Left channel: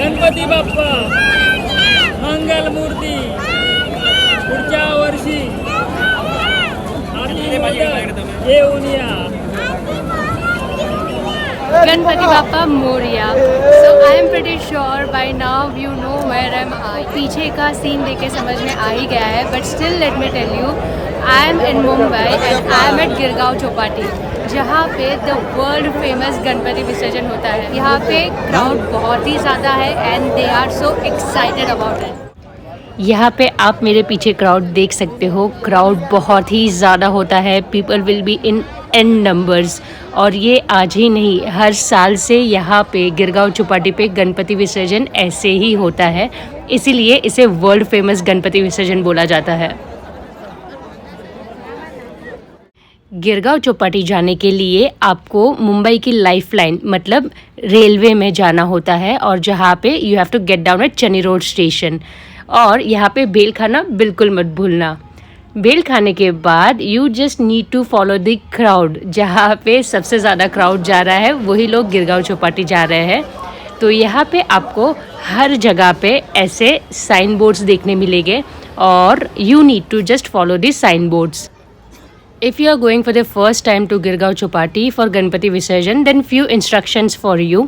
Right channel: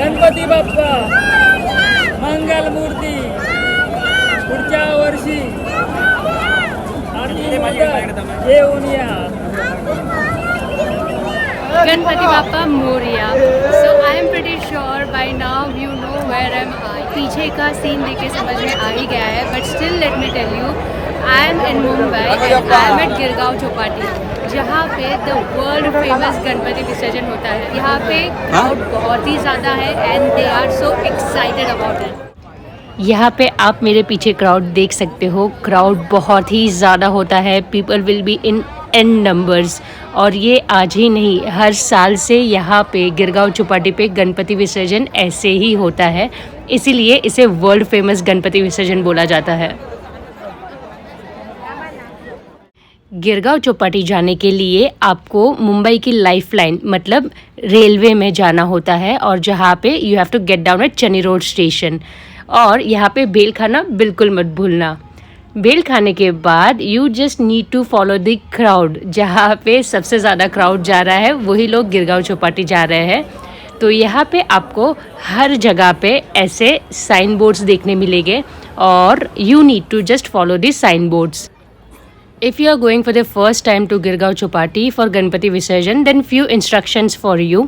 गणपती बाप्पा मंगल मूर्ती पुढच्या वर्षी हाती मोदक घेऊन या. Ganpati Bappa Moria. So I am pretty sure by now you know where am I. पीछे का सीन देख के समझ में आ ही गया है, but still let me tell you, I am in Mumbai and I am at Girgaon Chowpatty, जहाँ पे द वर्ल्ड फेमस गणपति विसर्जन होता है. यहाँ पे क्राउड बहुत ही ज़्यादा है and they are so excited about it. यहाँ पे आप मेरे पीछे क्राउड देख सकते हो. क्राउड बहुत ही ज़्यादा होता है. People will be in an numbers. और ये आज ही नहीं, हर साल से यहाँ पे गिरगांव चौपाटी पे गणपति विसर्जन ऐसे ही होता है. इसीलिए इसे वर्ल्ड फेमस गणपति विसर्जन बोला जाता है. गिरगांव चौपाटी जाने के लिए आपको मुंबई की लाइफलाइन मतलब रेलवे में जाना होता है, और जहाँ पे you have to get down at Charni road station. और यहाँ पे बेल खाना बिल्कुल मत भूलना. बेल खाने के बाद you just need to follow the crowd. जहाँ पे सबसे ज़्यादा क्राउड जा रहा है वही लोग गिरगांव चौपाटी जा रहे हैं. तो यहाँ पे आपको हर जगह पे ऐसे साइन बोर्ड्स देखने मिलेंगे और you need to just follow the sign boards. If you are going for the first time to Girgaon Chowpatty for Ganpati visarjan, then few instructions for you.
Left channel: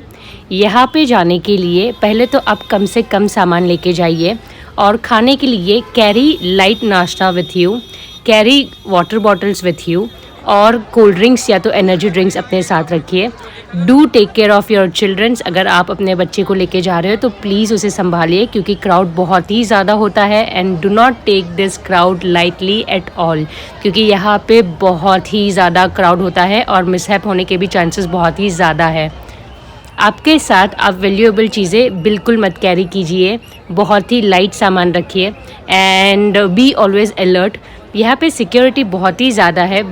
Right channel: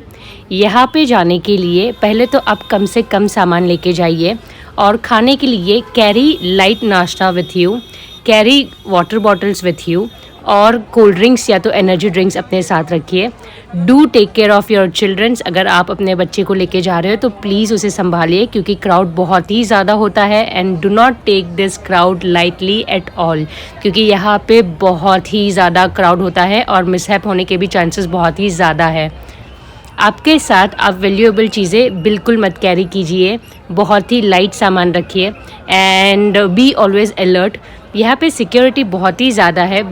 यहाँ पे जाने के लिए पहले तो आप कम से कम सामान लेके जाइए, और खाने के लिए कैरी लाइट नाश्ता with you, carry water bottles with you, और कोल्ड ड्रिंक्स या तो एनर्जी ड्रिंक्स अपने साथ रखिए. Do take care of your childrens. अगर आप अपने बच्चे को लेके जा रहे हो तो प्लीज़ उसे संभालिए, क्योंकि क्राउड बहुत ही ज़्यादा होता है. And do not take this crowd lightly at all, क्योंकि यहाँ पे बहुत ही ज़्यादा क्राउड होता है और मिसहैप होने के भी चांसेस बहुत ही ज़्यादा है. आपके साथ आप वैल्यूएबल चीज़ें बिल्कुल मत कैरी कीजिए. बहुत ही लाइट सामान रखिए एंड बी ऑलवेज़ अलर्ट. यहाँ पे सिक्योरिटी बहुत ही ज़्यादा है,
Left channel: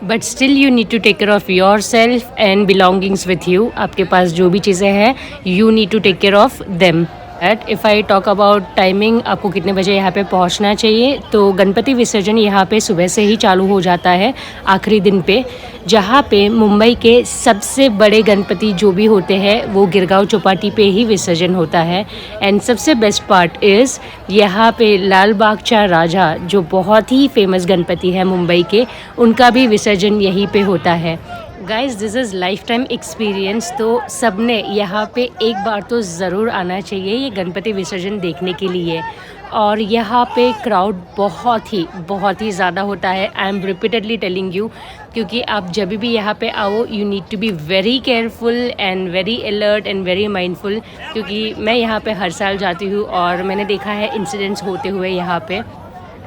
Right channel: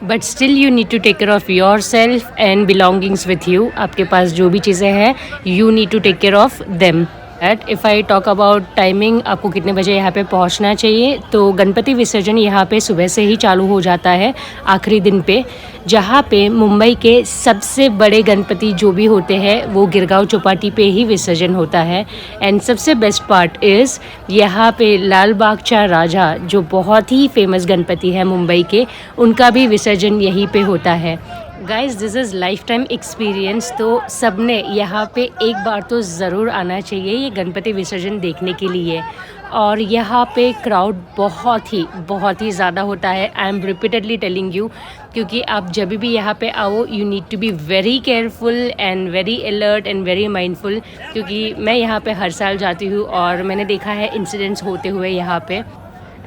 but still you need to take care of yourself and belongings with you. आपके पास जो भी चीज़ें हैं you need to take care of them. If I talk about timing, आपको कितने बजे यहाँ पे पहुँचना चाहिए, तो गणपति विसर्जन यहाँ पे सुबह से ही चालू हो जाता है आखिरी दिन पे. जहाँ पे मुंबई के सबसे बड़े गणपति जो भी होते हैं वो गिरगांव चौपाटी पे ही विसर्जन होता है. एंड सबसे बेस्ट पार्ट इज़ यहाँ पे लाल बागचा राजा जो बहुत ही फेमस गणपति है मुंबई के, उनका भी विसर्जन यहीं पे होता है. Guys this is life time experience. तो सबने यहाँ पे एक बार तो ज़रूर आना चाहिए ये गणपति विसर्जन देखने के लिए. और यहाँ पे क्राउड बहुत ही ज़्यादा होता है. I am repeatedly telling you, क्योंकि आप जब भी यहाँ पे आओ you need to be very careful and very alert and very mindful. क्योंकि मैं यहाँ पे हर साल जाती हूँ और मैंने देखा है इंसिडेंट्स होते हुए यहाँ पे.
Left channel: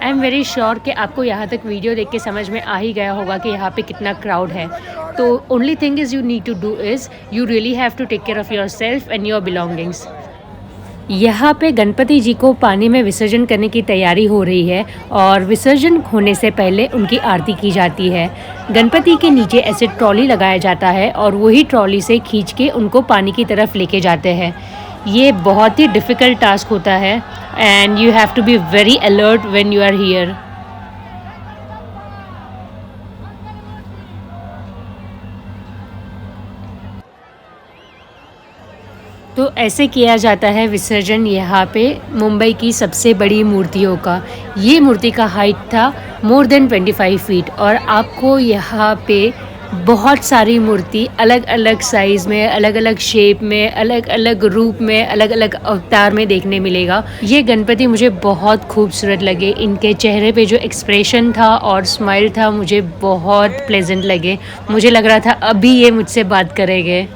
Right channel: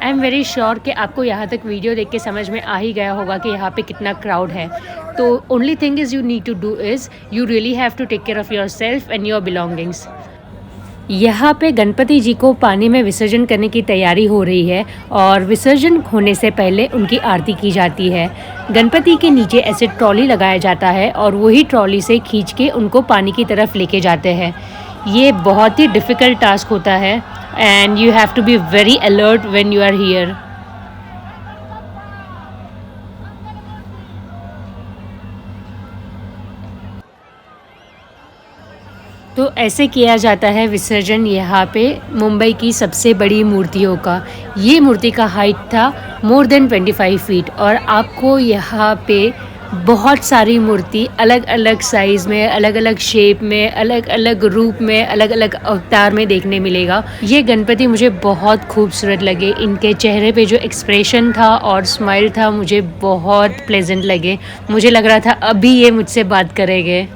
आई एम वेरी श्योर कि आपको यहाँ तक वीडियो देख के समझ में आ ही गया होगा कि यहाँ पे कितना क्राउड है. तो only thing is you need to do is you really have to take care of yourself and your belongings. यहाँ पे गणपति जी को पानी में विसर्जन करने की तैयारी हो रही है, और विसर्जन होने से पहले उनकी आरती की जाती है. गणपति के नीचे ऐसे ट्रॉली लगाया जाता है और वही ट्रॉली से खींच के उनको पानी की तरफ लेके जाते हैं. ये बहुत ही डिफ़िकल्ट टास्क होता है and you have to be very alert when you are here. तो ऐसे किया जाता है विसर्जन यहाँ पे मुंबई की सबसे बड़ी मूर्तियों का. ये मूर्ति का हाइट था मोर देन 25 फीट, और आपको यहाँ पे बहुत सारी मूर्ति अलग अलग साइज़ में, अलग अलग शेप में, अलग अलग रूप में, अलग अलग अवतार में देखने मिलेगा. ये गणपति मुझे बहुत खूबसूरत लगे. इनके चेहरे पे जो एक्सप्रेशन था और स्माइल था मुझे बहुत प्लेजेंट लगे. मुझे लग रहा था अभी ये मुझसे बात करेंगे.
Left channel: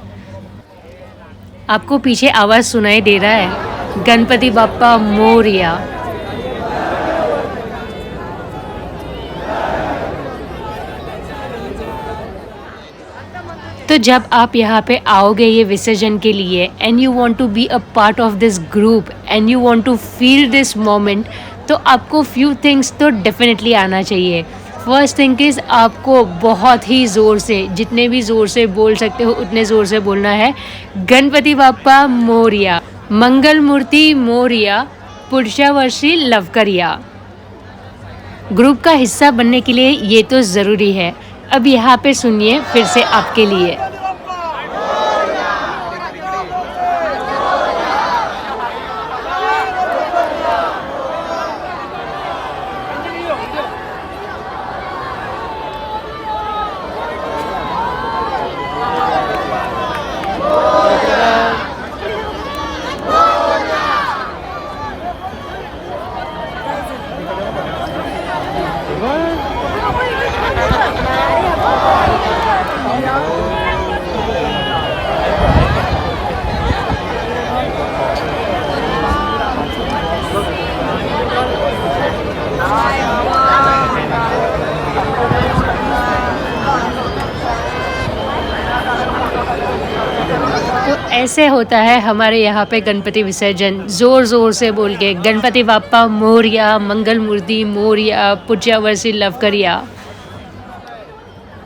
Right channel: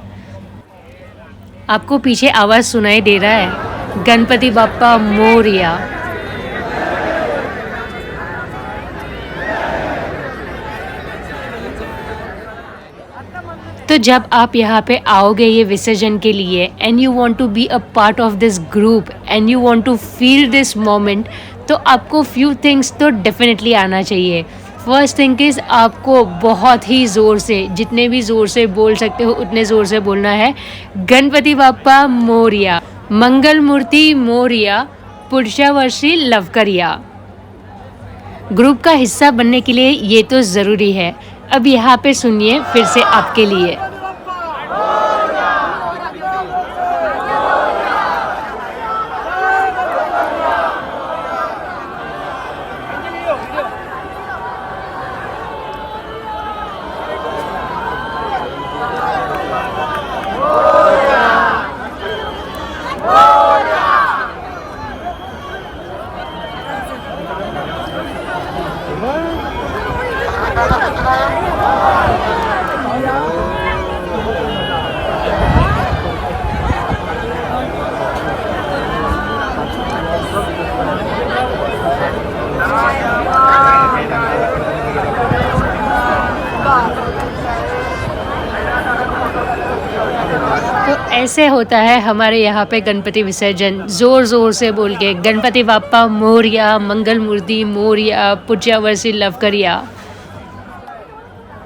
आपको पीछे आवाज़ सुनाई दे रहा है, गणपति बाप्पा मोरिया. तो जब आप यहाँ पे आओगे ये विसर्जन के लिए and you want to be a part of this group and you want to feel this moment, तो आपको फ्यू थिंग्स तो डेफिनेटली आना चाहिए. फर्स्ट थिंग इज़ आपको बहुत ही ज़ोर से, जितने भी ज़ोर से बोल सकते हो उतने ज़ोर से बोलना है, गणपति बाप्पा मोरिया, मंगल मूर्ति मोरिया, पुढच्या वर्षी लवकर या. ग्रुप का हिस्सा बनने के लिए ये तो ज़रूरी है. अब यहाँ पे सुनिए फिर से आपके लिए. ऐसे होता है हमारे यहाँ पे गणपति विसर्जन, ज़ोर ज़ोर से बोल के गणपति बाप्पा मोरया, मंगल मूर्ति मोरया, पुज्या वर्षी लवकरिया।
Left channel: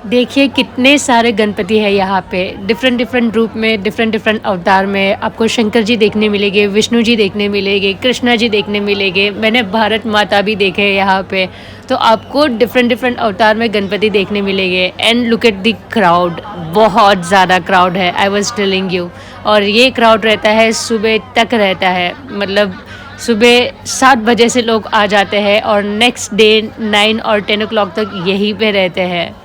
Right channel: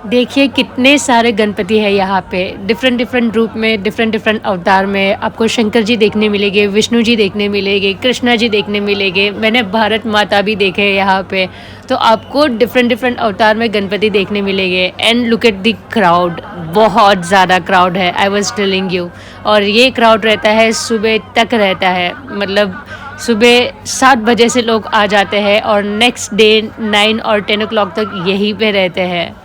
देखिए कितने सारे गणपति है यहाँ पे, डिफरेंट डिफरेंट रूप में, डिफरेंट डिफरेंट अवतार में। आपको शंकर जी देखने मिलेंगे, विष्णु जी देखने मिलेंगे, कृष्णा जी देखने मिलेंगे, मैंने भारत माता भी देखे हैं यहाँ पे। तो आपको डिफरेंट डिफरेंट अवतार में गणपति देखने मिलेंगे। End look at the crowd, बहुत ज़्यादा क्राउड है, आई वॉज टेलिंग यू। और ये क्राउड रहता है सुबह तक रहता है, मतलब सुबह 7 बजे से लोग आ जाते हैं और नेक्स्ट डे 9 और 10 o'clock तक यहीं पे रहते हैं।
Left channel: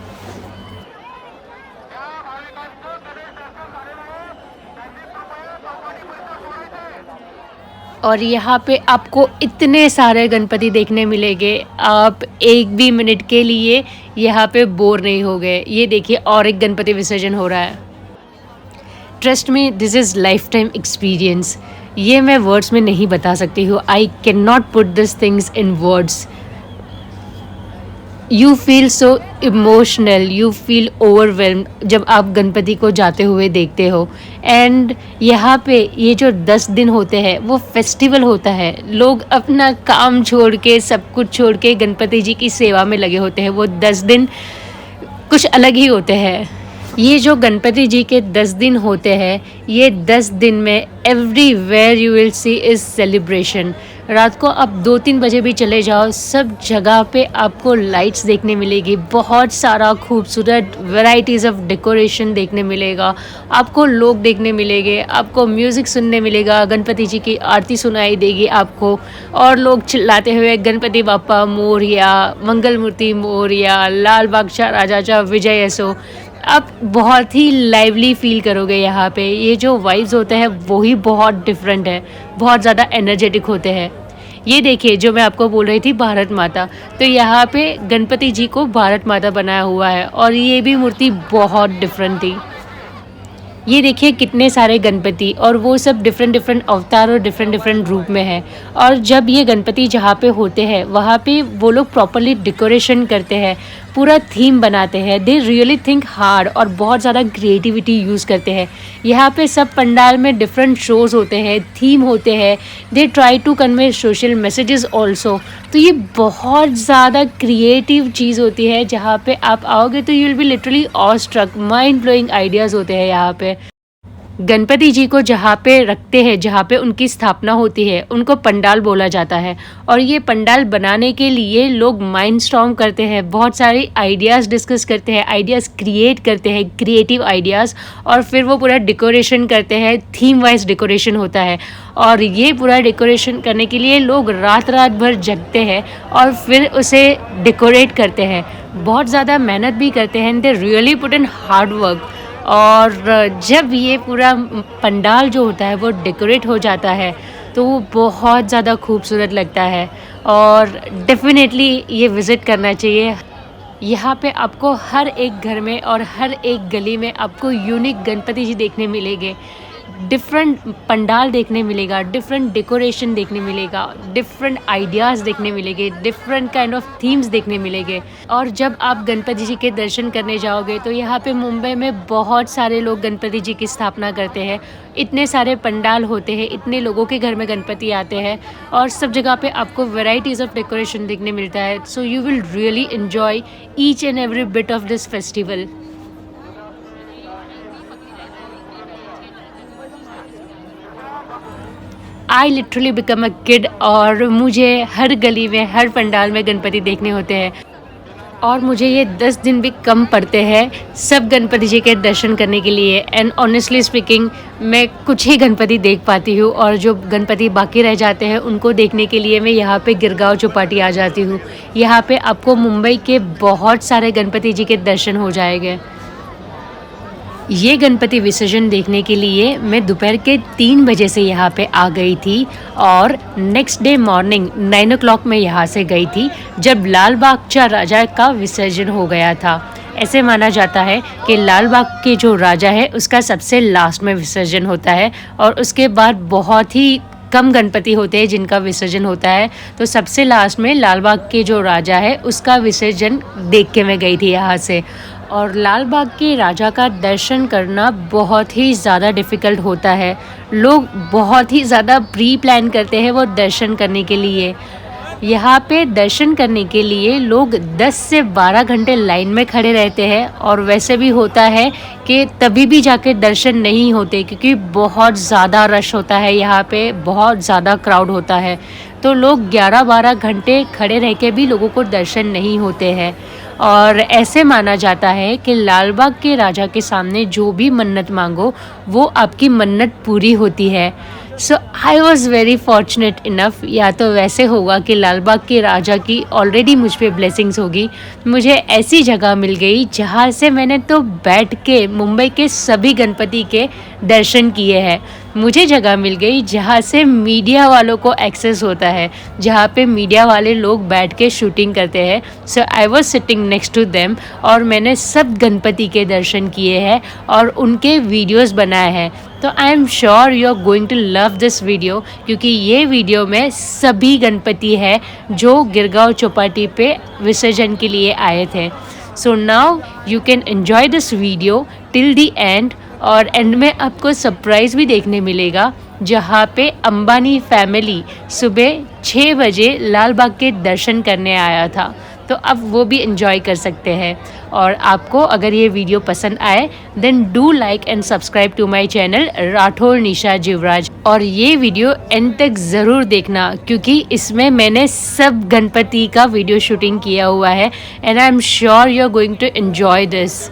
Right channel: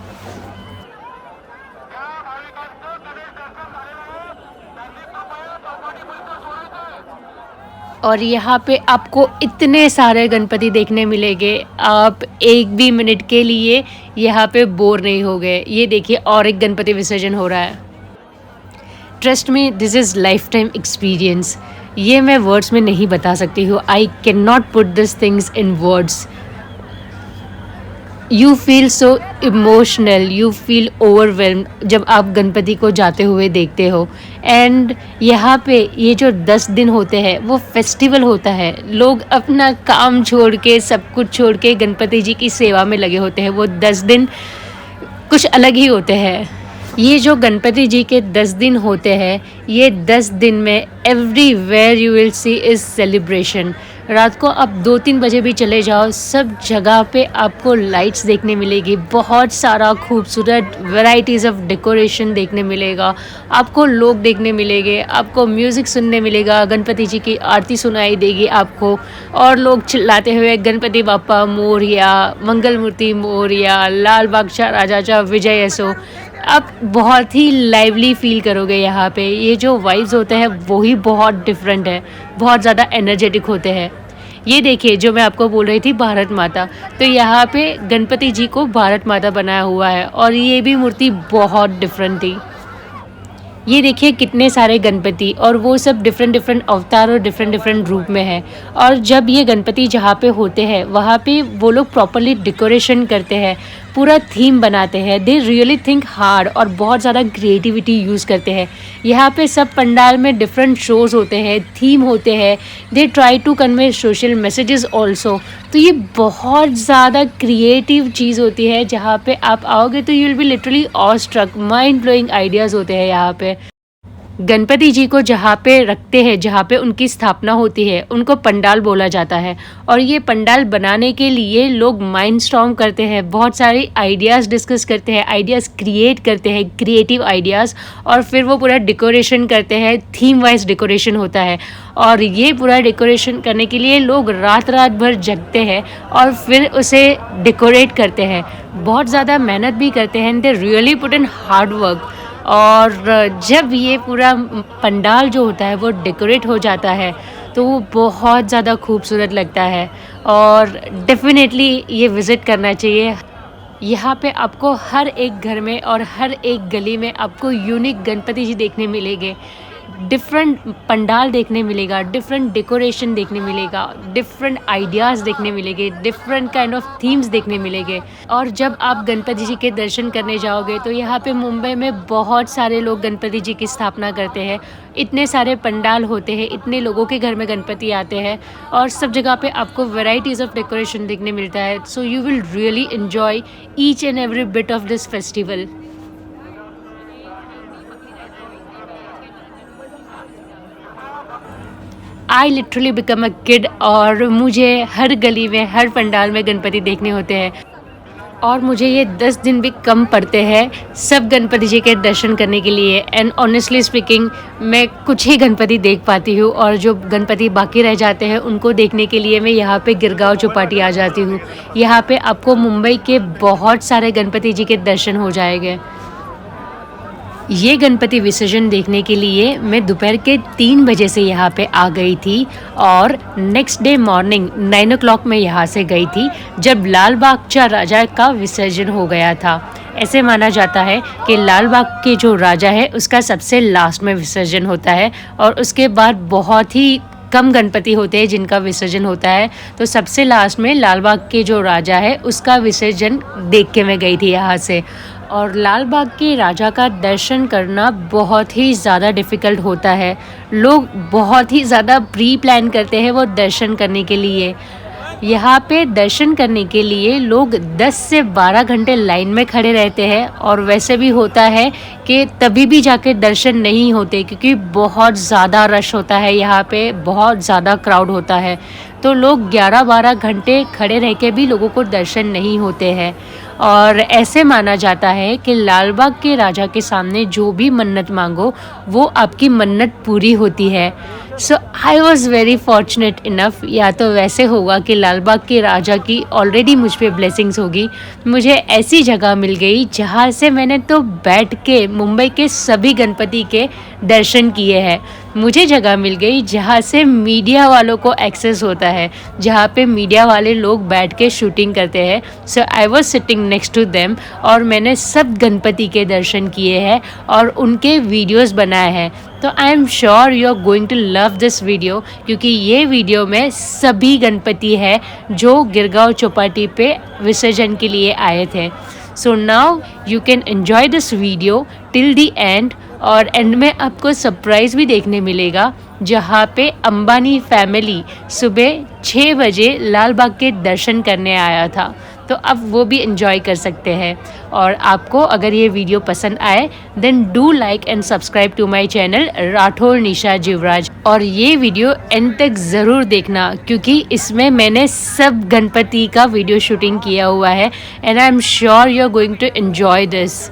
और यहाँ पे आपको इतने सारे गणपति देखने मिलेंगे, आप एक भी मिनट के लिए यहाँ पे बोर नहीं होगे। ये देखिए और एक गणपति विसर्जन हो रहा है। Trust me, this is life time experience. ये मैं वर्ड्स में नहीं बता सकती हूँ। I can not put this things in words. You feel so emotional, you feel overwhelmed जब आप गणपति को जाते हुए देखते हो। एंड यहाँ पे ये जो 10 दिन होते हैं वो फेस्टिवल होता है। लोग अपना काम छोड़ के, सब कुछ छोड़ के गणपति जी की सेवा में लगे होते हैं। वो 10 दिन कुछ अलग ही होते हैं। ये जो गणपति जी के 10 दिन होते हैं, ये 10 दिन में everywhere you will see is celebration. रात को आप 2-3 बजे भी चले जाओ, सब जगह पे आपको लाइट्स देखने मिलेगी, बहुत सारा खूबसूरत वैरायटीज़ ऑफ डेकोरेशन देखने मिलेगा, आपको लोग देखने मिलेंगे, आपको म्यूज़िक सुनने मिलेगा, गणपति जी की आरती सुनाई देगी आपको, और लोग चिल्लाते हुए गणपति बाप्पा मोरया, मंगल मूर्ति मोरया, लाल बादशाह राजा विजय असो। आप बहुत ही लाइवली फील करोगे यहाँ पे। ये जो वाइब्स होते हैं वही बहुत डिफरेंट है, बहुत ज़्यादा एनर्जेटिक होते हैं। ये देखिए जो मैं आपको बोल रही थी भारत माता, तो यहाँ पे गणपति जी को भारत माता बनाया हुआ है और ये भी मूर्ति बहुत डिफरेंट थी। ये देखिए कितने सारे गणपति, और वो सब डिफरेंट डिफरेंट अवतार और डिफरेंट डिफरेंट रूप में है। और जब ये गणपति जहाँ पे होते हैं वहाँ पे वो लोग प्रॉपरली डेकोरेशन करते हैं, पूरा थीम बनाते हैं। दे रियली थिंक हार्ड और बहुत ज़्यादा क्रिएटिविटी यूज़ करते हैं। यहाँ पे सब पंडाल में डिफरेंट शोज़ होते हैं, थीम होते हैं। They try to convey social messages also. तो ये बहुत ज़्यादा क्रिएटिव चीज़ होती है। जहाँ पे आप आओगे तो you will be literally awe struck, mind blowing ideas होते हैं यहाँ पे। गणपति जी को जहाँ पे रखते हैं, जहाँ पे उनकी स्थापना होती है, उनको पंडाल बोला जाता है। और ये पंडाल बनाने के लिए लोग माइंड स्टॉर्म करते हैं, बहुत सारे आइडियाज़ डिस्कस करते हैं, आइडियाज़ क्रिएट करते हैं, क्रिएटिव आइडियाज़, और फिर वो पूरा डेकोरेशन करते हैं। थीम वाइज डेकोरेशन होता है और ये पूरा डेकोरेशन करने के लिए लोग रात भर जगते हैं और फिर उसे डेकोरेट करते हैं। बहुत ज़्यादा मेहनत भी करते हैं। They really put in hard work. और जब ये पूरा पंडाल जो होता है वो डेकोरेट हो जाता है तो वो बहुत ज़्यादा खूबसूरत लगता है और डेफिनेटली ये विज़िट करना चाहिए। यहाँ पे आपको हर एक घर में और हर एक गली में आपको यूनिक गणपति जी देखने मिलेंगे, डिफरेंट पंडाल देखने मिलेगा, डिफरेंट डेकोरेशन देखने मिलेगा, डिफरेंट आइडियाज़ देखने मिलेंगे, डिफरेंट काइंड ऑफ थीम्स देखने मिलेंगे। और जब आप गणपति जी के दर्शन करने जाओगे तो यहाँ पे मुंबई में बहुत सारे लोग गणपति जी की स्थापना करते हैं। इतने सारे पंडाल होते हैं, इतने लोगों के घर में गणपति आते हैं और सब जगह पे आपको वेराइटीज़ ऑफ डेकोरेशन देखने मिलता है। So you will really enjoy each end every bit of this festival. I literally become a kid, और मुझे हर गली में, हर पंडाल में गणपति देखने होते हैं। और मुझे ये 10 दिन भी कम पड़ते हैं सब गणपति जी के दर्शन करने के लिए। एंड ऑनेस्टली स्पीकिंग मैं कुछ ही गणपति देख पाती हूँ और जो गणपति बाकी रह जाते हैं उनको देखने के लिए मैं यहाँ पे गिरगांव चौपाटी आ जाती हूँ। यहाँ पे आपको मुंबई के बहुत सारे गणपति जी के दर्शन हो जाएंगे। ये गणपति विसर्जन देखने के लिए मैं दोपहर के 3 बजे से यहाँ पे आ गई थी और नेक्स्ट डे मॉर्निंग 9 o'clock में यहाँ से गई थी जब लाल बादशाह राजा का विसर्जन हो गया था। ऐसे माना जाता है कि लाल बाग के जो राजा है उसका सबसे लास्ट में विसर्जन होता है और उसके बाद बहुत ही कम गणपति होते हैं जिनका विसर्जन होता है। तो सबसे लास्ट में लाल बाग के जो राजा है उसका विसर्जन देख के मैं गई थी यहाँ से। और लाल बाग के राजा का दर्शन करना बहुत ही ज़्यादा डिफ़िकल्ट होता है। लोग बहुत ही ज़्यादा प्री प्लान करते हैं वो दर्शन करने के लिए। यहाँ पे दर्शन करने के लिए लोग 10 से 12 घंटे लाइन में खड़े रहते हैं और वैसे भी होता है कि तभी भी जाके दर्शन नहीं होते क्योंकि बहुत ज़्यादा रश होता है, यहाँ पे बहुत ज़्यादा क्राउड होता है। तो लोग 11-12 घंटे खड़े रह के भी लोगों को दर्शन नहीं होते हैं। और ऐसे माना जाता है कि लाल बाग के राजा के सामने जो भी मन्नत मांगो वो आपकी मन्नत पूरी होती है। So I was very fortunate enough, या तो वैसे होगा कि लाल बाग के राजा की ऑलरेडी मुझ पे ब्लेसिंग्स होगी, मुझे ऐसी जगह मिल गई जहाँ से मैंने तो बैठ के मुंबई के सभी गणपति के दर्शन किए हैं। मुझे जगह मिल गई जहाँ से मीडिया वालों को एक्सेस होता है, जहाँ पे मीडिया वाले लोग बैठ के शूटिंग करते हैं। So I was sitting next to them और मैंने सब गणपति के दर्शन किए हैं और उनके वीडियोस बनाए हैं। तो I am sure you are going to love this video, क्योंकि ये वीडियो में सभी गणपति है जो गिरगांव चौपाटी पे विसर्जन के लिए आए थे। So now you can enjoy this video till the end. और एंड में आपको सरप्राइज़ भी देखने मिलेगा जहाँ पे अंबानी फैमिली सुबह 6 बजे लाल बाग के दर्शन करने आया था। तो अब वो भी एंजॉय कर सकते हैं। और आपको अगर ये वीडियो पसंद आए then do like and subscribe to my channel Rathod Nisha Jivraj. और ये वीडियो एंड तक ज़रूर देखना क्योंकि इसमें मैंने सब गणपति का वीडियो शूटिंग किया हुआ है and I am sure you are going to enjoy this.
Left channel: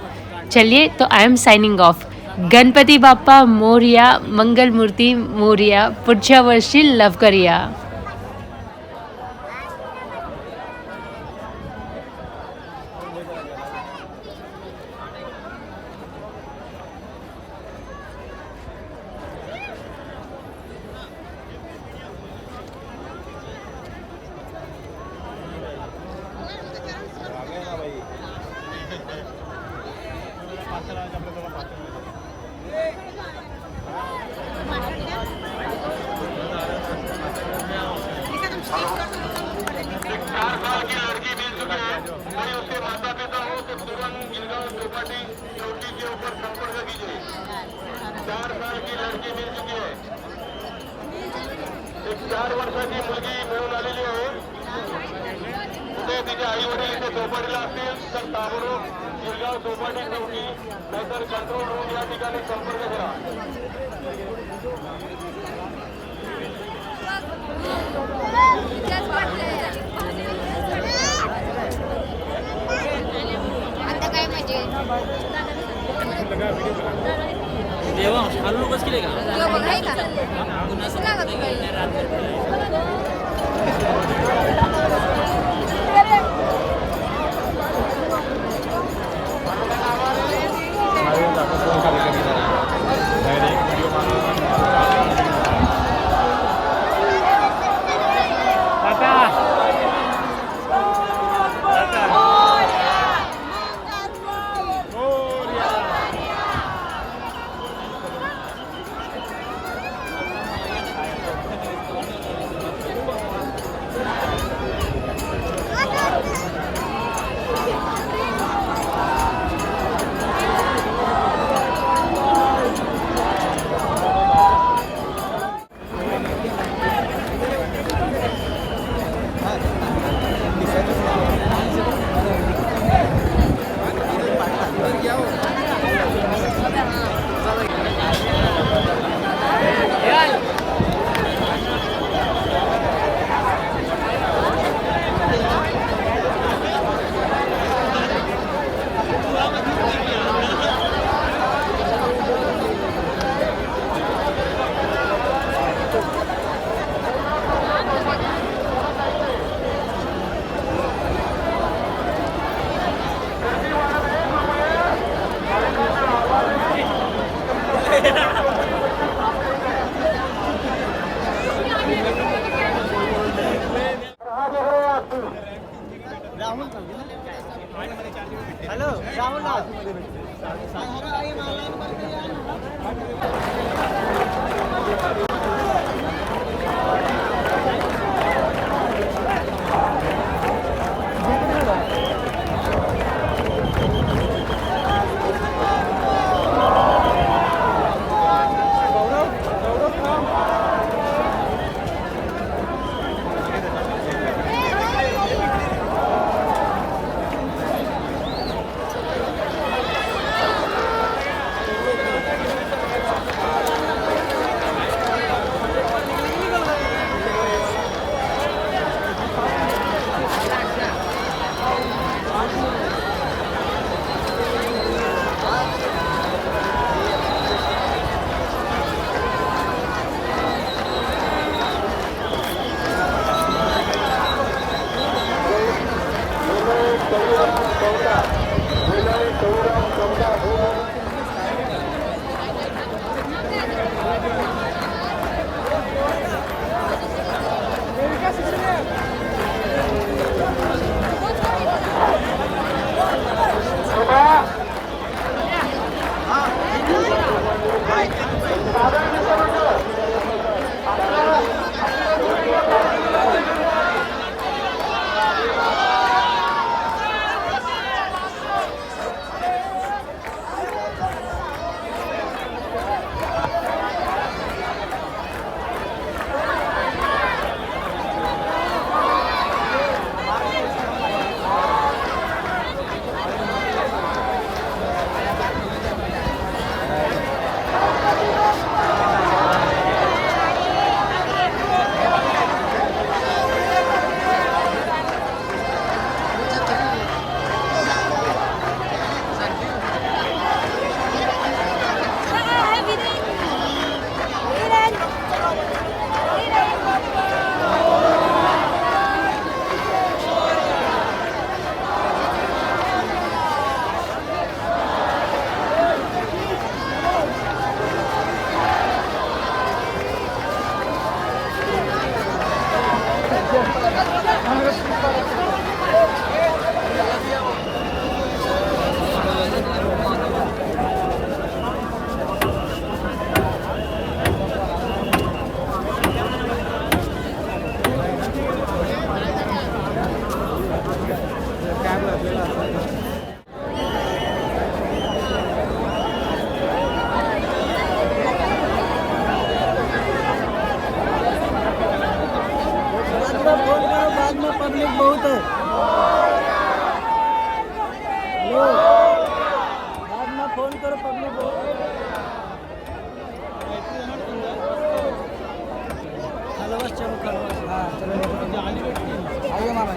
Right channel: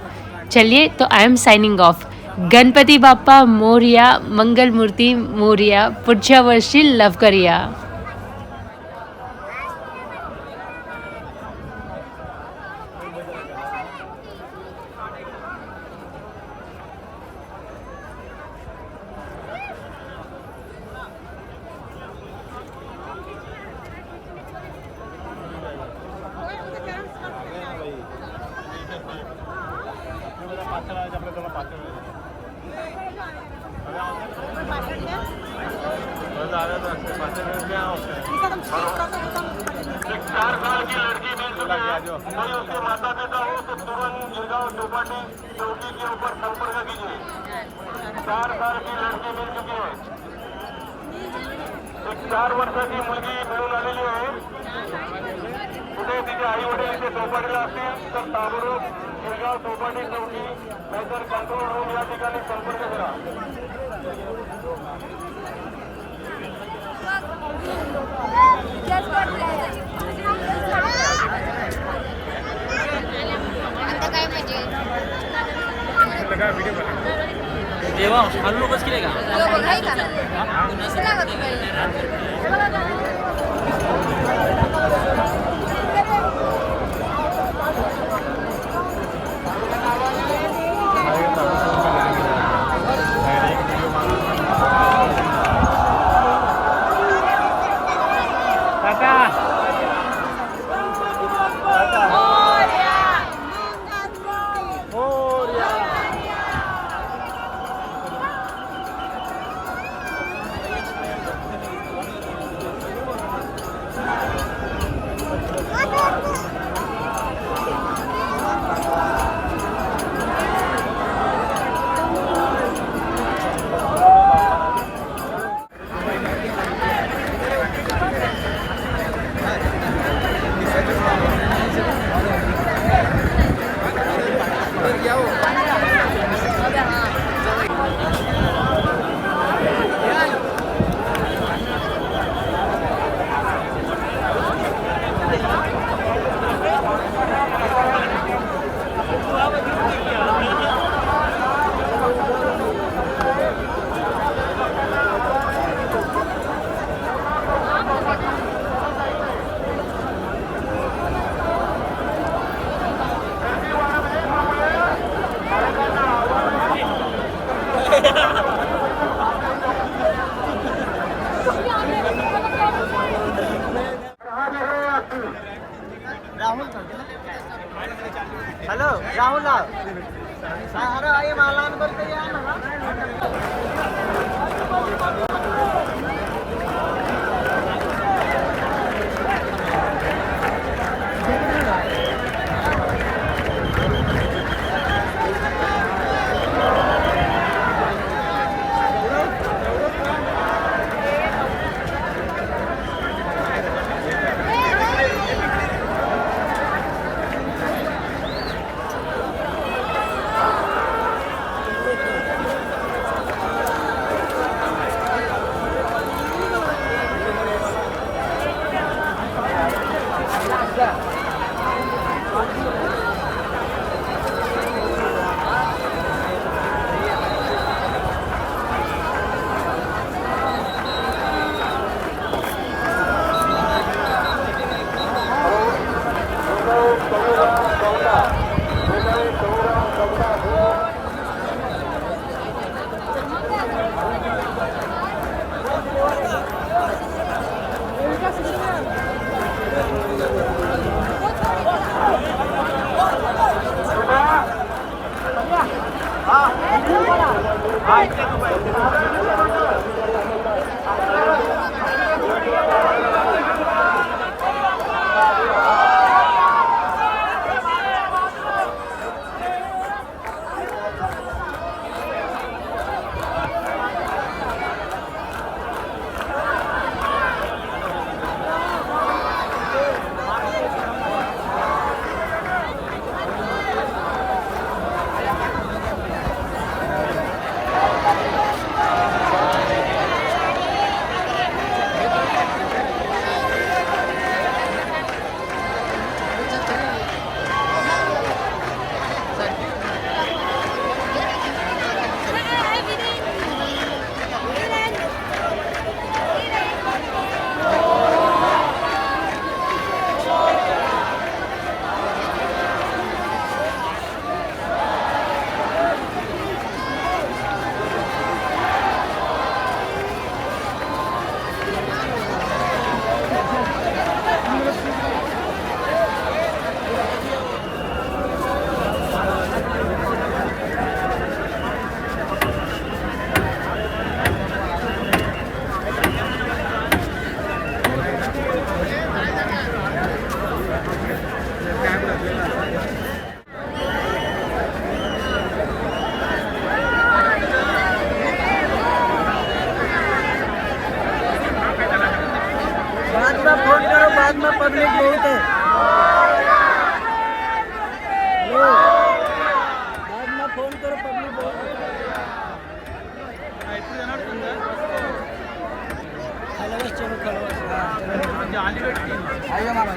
चलिए तो I am signing off. Ganpati Bappa Morya, Mangal Murti Morya, पुढच्या वर्षी लव करूया। चार साल की लड़की मिल चुके हैं, यदि उसके माता पिता हो तो तुरंत गिरगांव चौपाटी चौकी के ऊपर संपर्क कीजिए। 4 साल की लड़की मिल चुकी है, 4 वर्षाची मुलगी मिळून आलेली आहे। पुढे तिचे आई वडील इथे चौपाटीला असतील तर ताबडतोब गिरगांव चौपाटी चौकी नाहीतर कात्रज रोड या ठिकाणी संपर्क करा। आता काय म्हणजे देवा खालून बस केले का तो बघ आहे का कुणाला लागत बाई हेलो राहुल अरे आइए मालान करते हैं ना। फोन करो, बाद में पब्लिक बहुत है। हेलो, बाद में फोन करो, पब्लिक बहुत है। चलो बस, चलो चलो बस, हाँ चलो आइए मामा।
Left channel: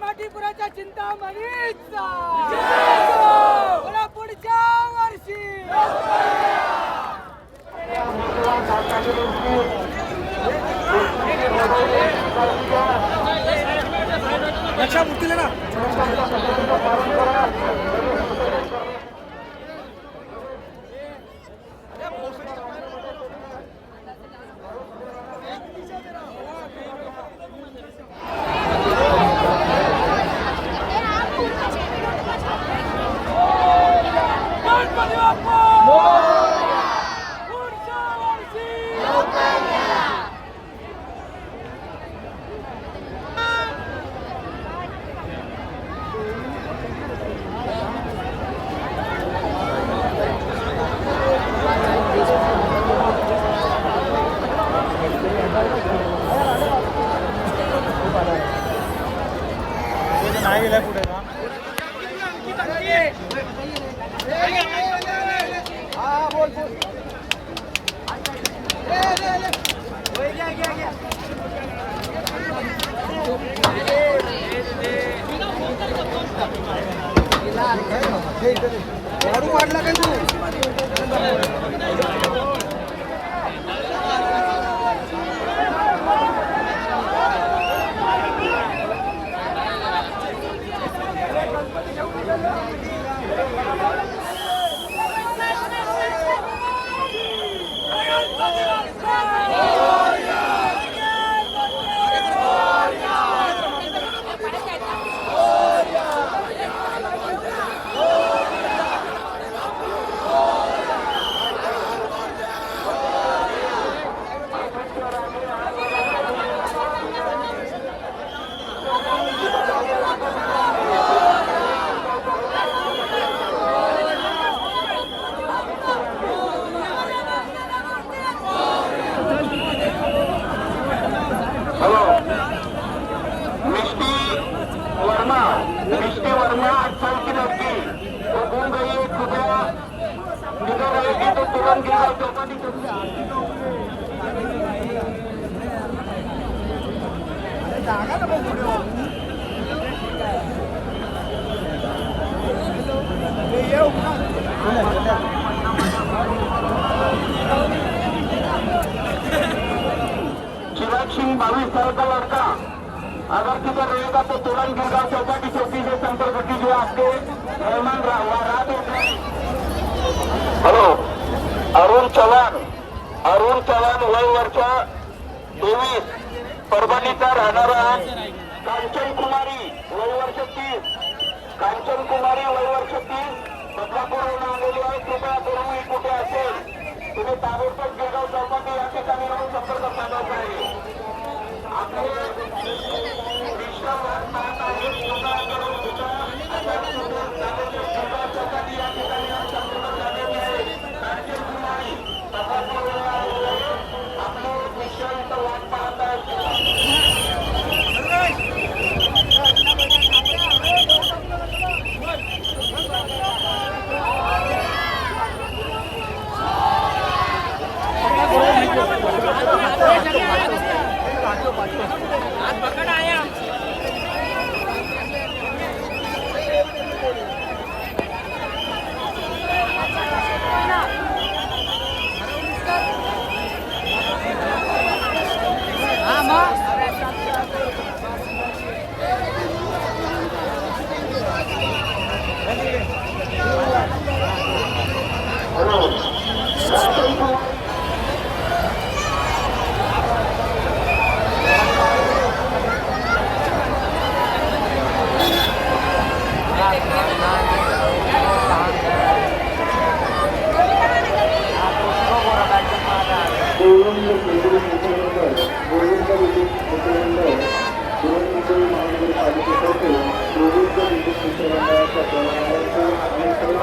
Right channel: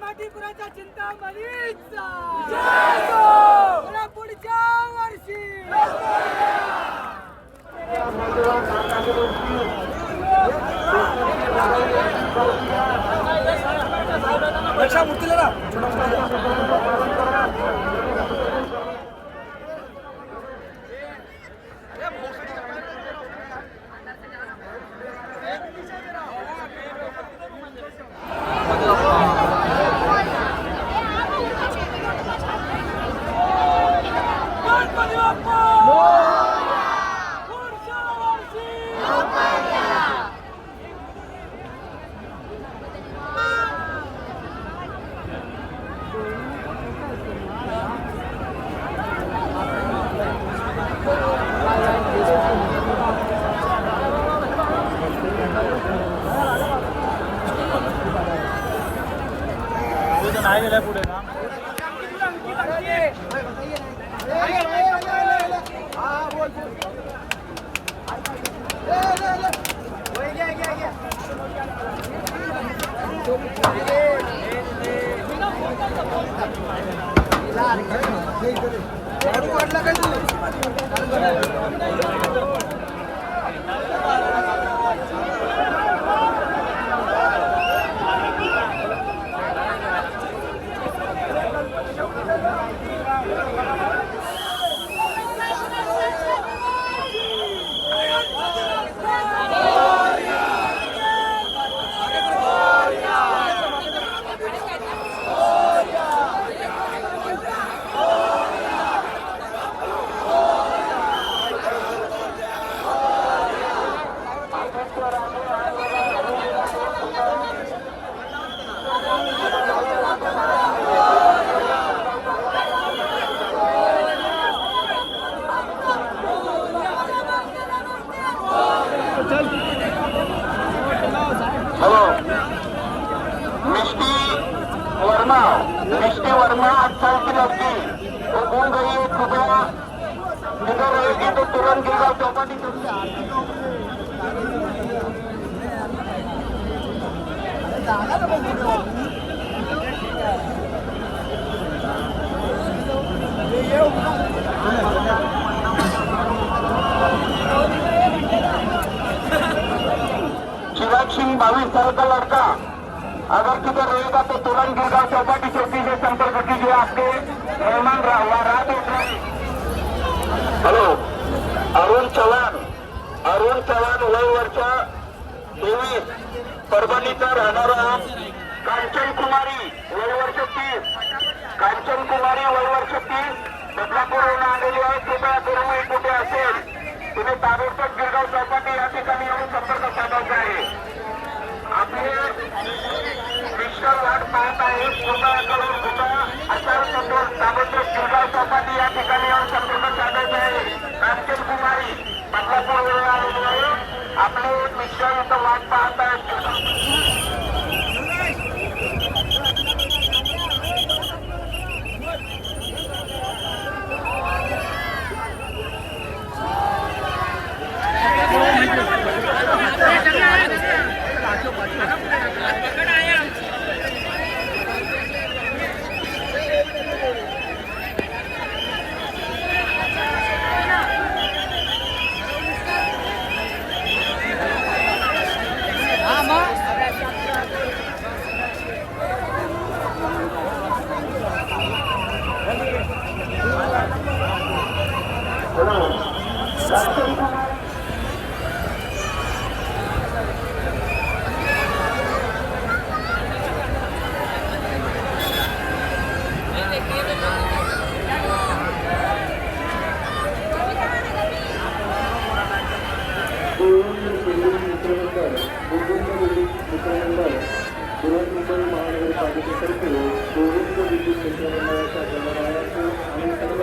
माटीपुराच्या चिंतामणीचा पुढच्या वर्षी अच्छा मुक्ती जरा Ilan? हेलो मिष्टी वर्मा 8 साल की लड़की वो घूम गई है कृपया जिधर रहेगी तो तुरंत गिरगांव चौपाटी चिराग सिंह 22 साल का लड़का अगर किधर रहेगा तो तुरंत गिरगांव चौपाटी चौकी से संपर्क कीजिए। आपके मेहमान रात उठ रहे। हेलो अरुण चव्हाण वय वर्ष 23 परभणीचा राहणारा कांचन कुमारी वय वर्ष 30 बदलापूरहून आलेली आहे। कृपया करून कुठे असेल तुम्ही ताबडतोब गिरगाव चौपाटी या ठिकाणी येऊन संपर्क साधायचा आहे। आपले मिस्टर वाट पाहत आहेत। कृपया करून आचारसंहिता ताबडतोब गिरगाव चौपाटी या ठिकाणी येऊन संपर्क साधायचा आहे। कांचन कुमारी बदलापूरहून आलेली आहे। आपले मिस्टर इथं वाट पाहत आहेत। गोविंद विद्युत मित्रमंडळ बृहन्मुंबई महानगरपालिकेतर्फे गोविंद विद्युत मित्रमंडळाच्या प्रमाणाचे आणि सर्व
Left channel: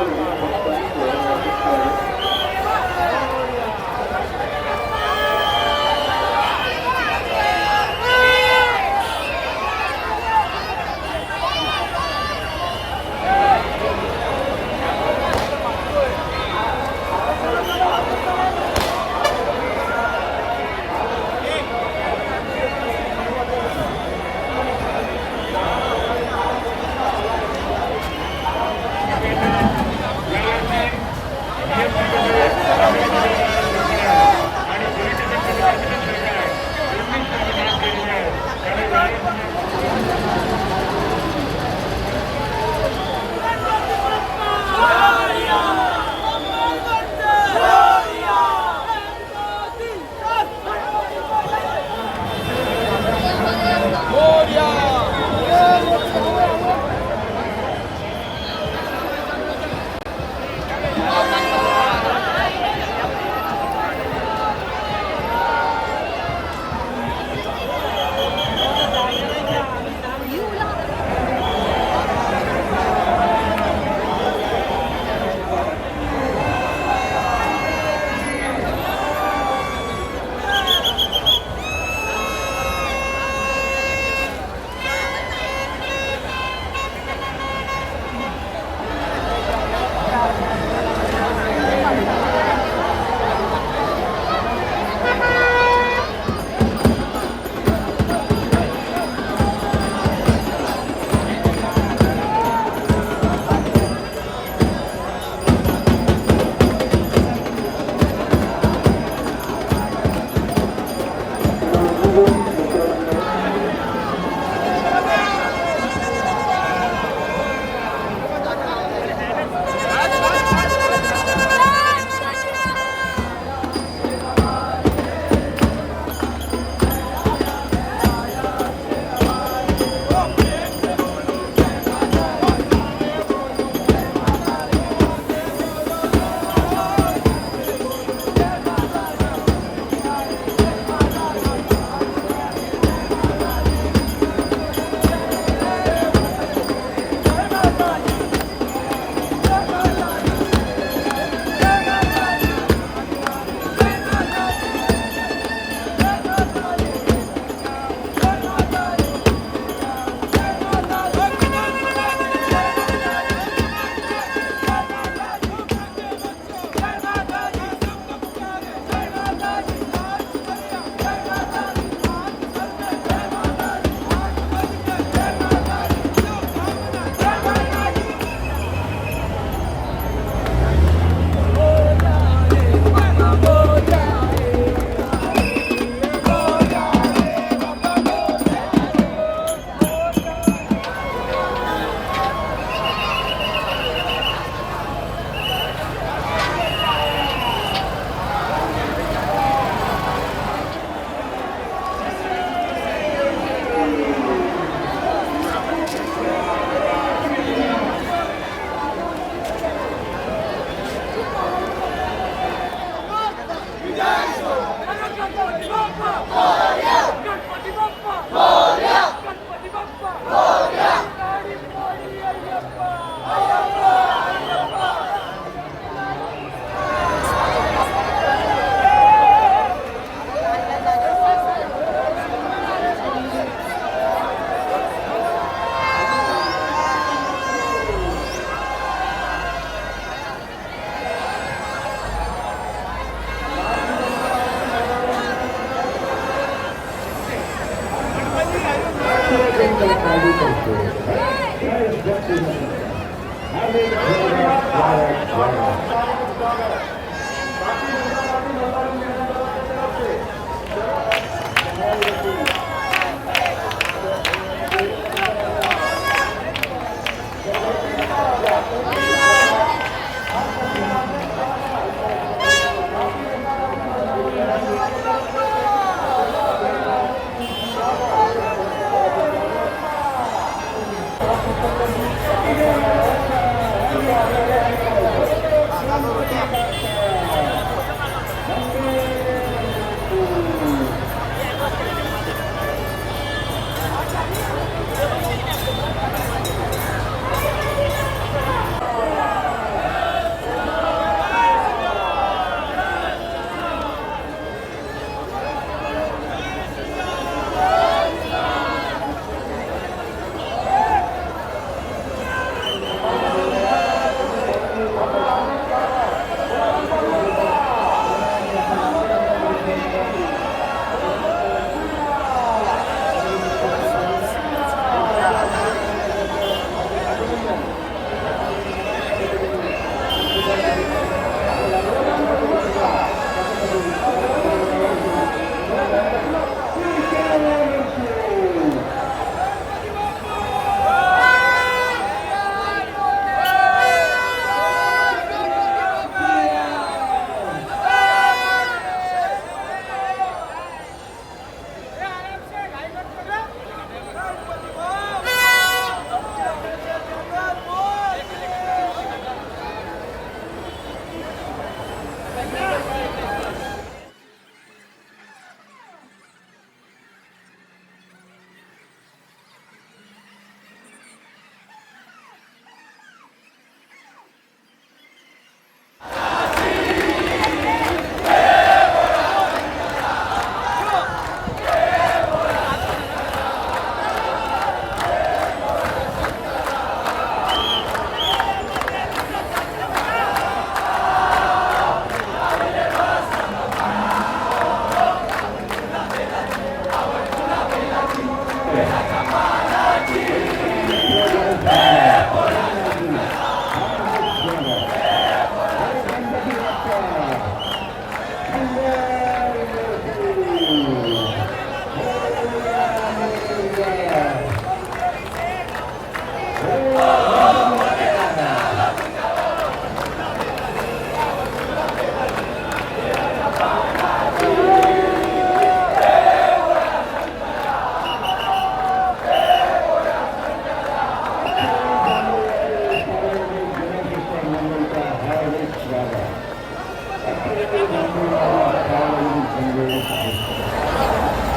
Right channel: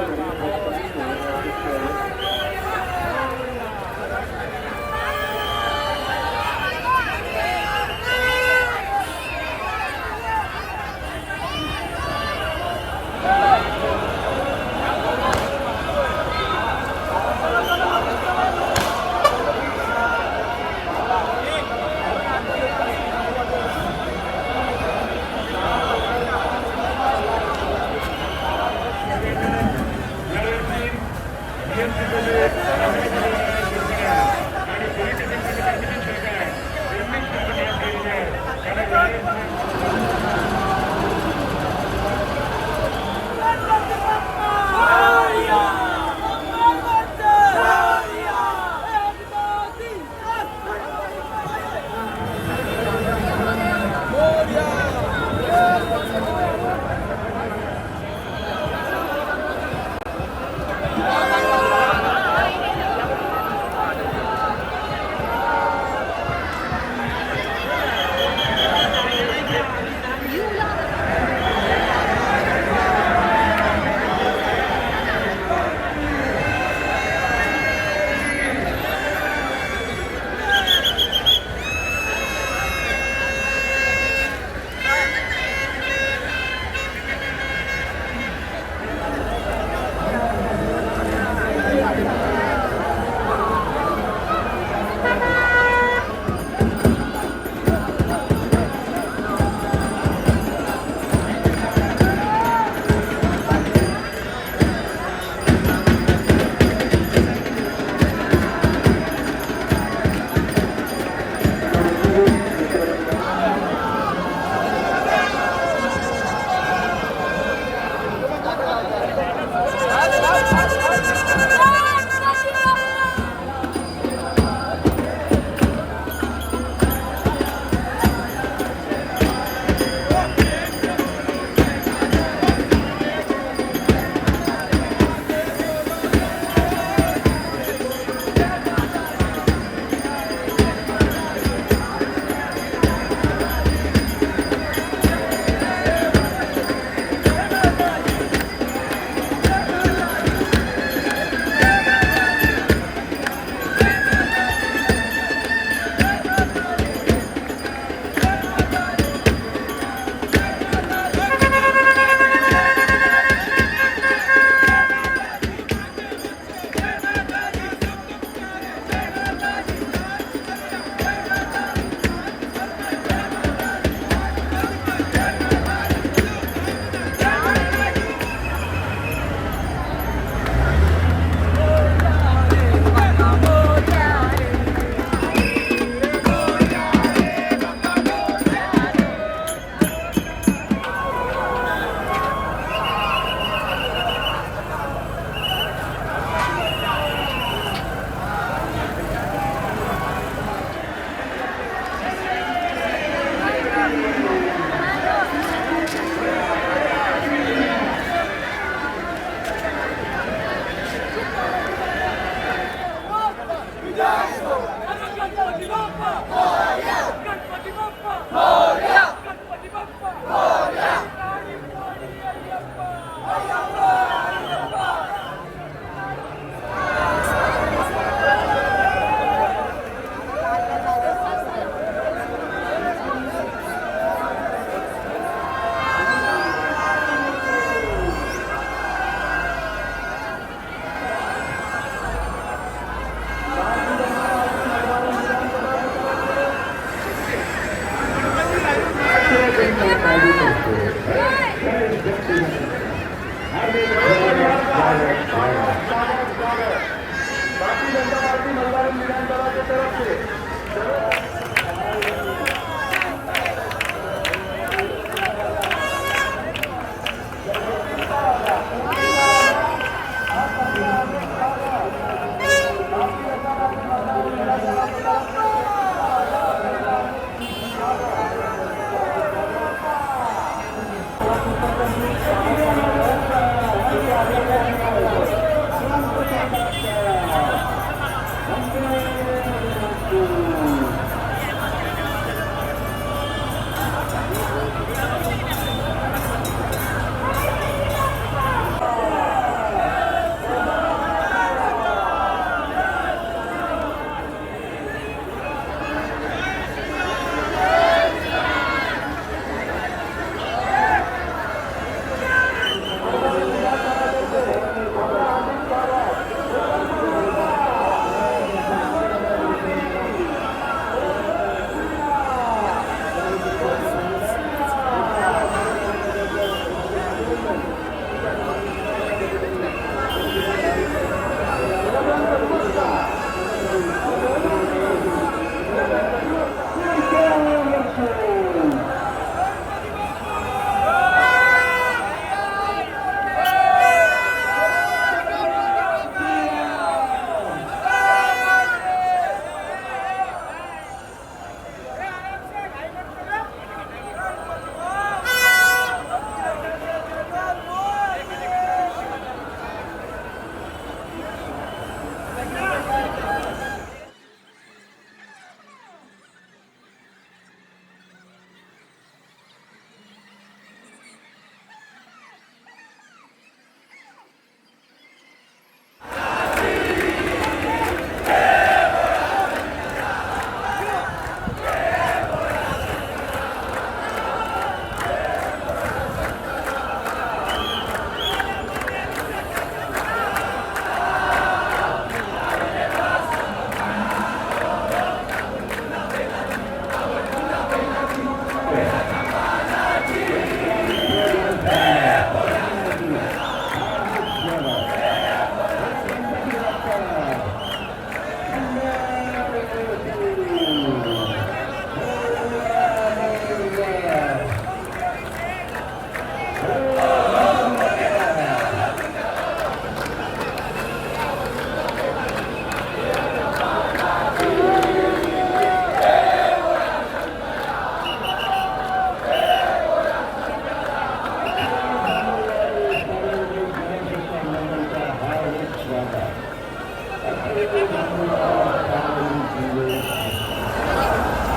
एक मिनट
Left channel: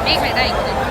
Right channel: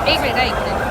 एक मिनट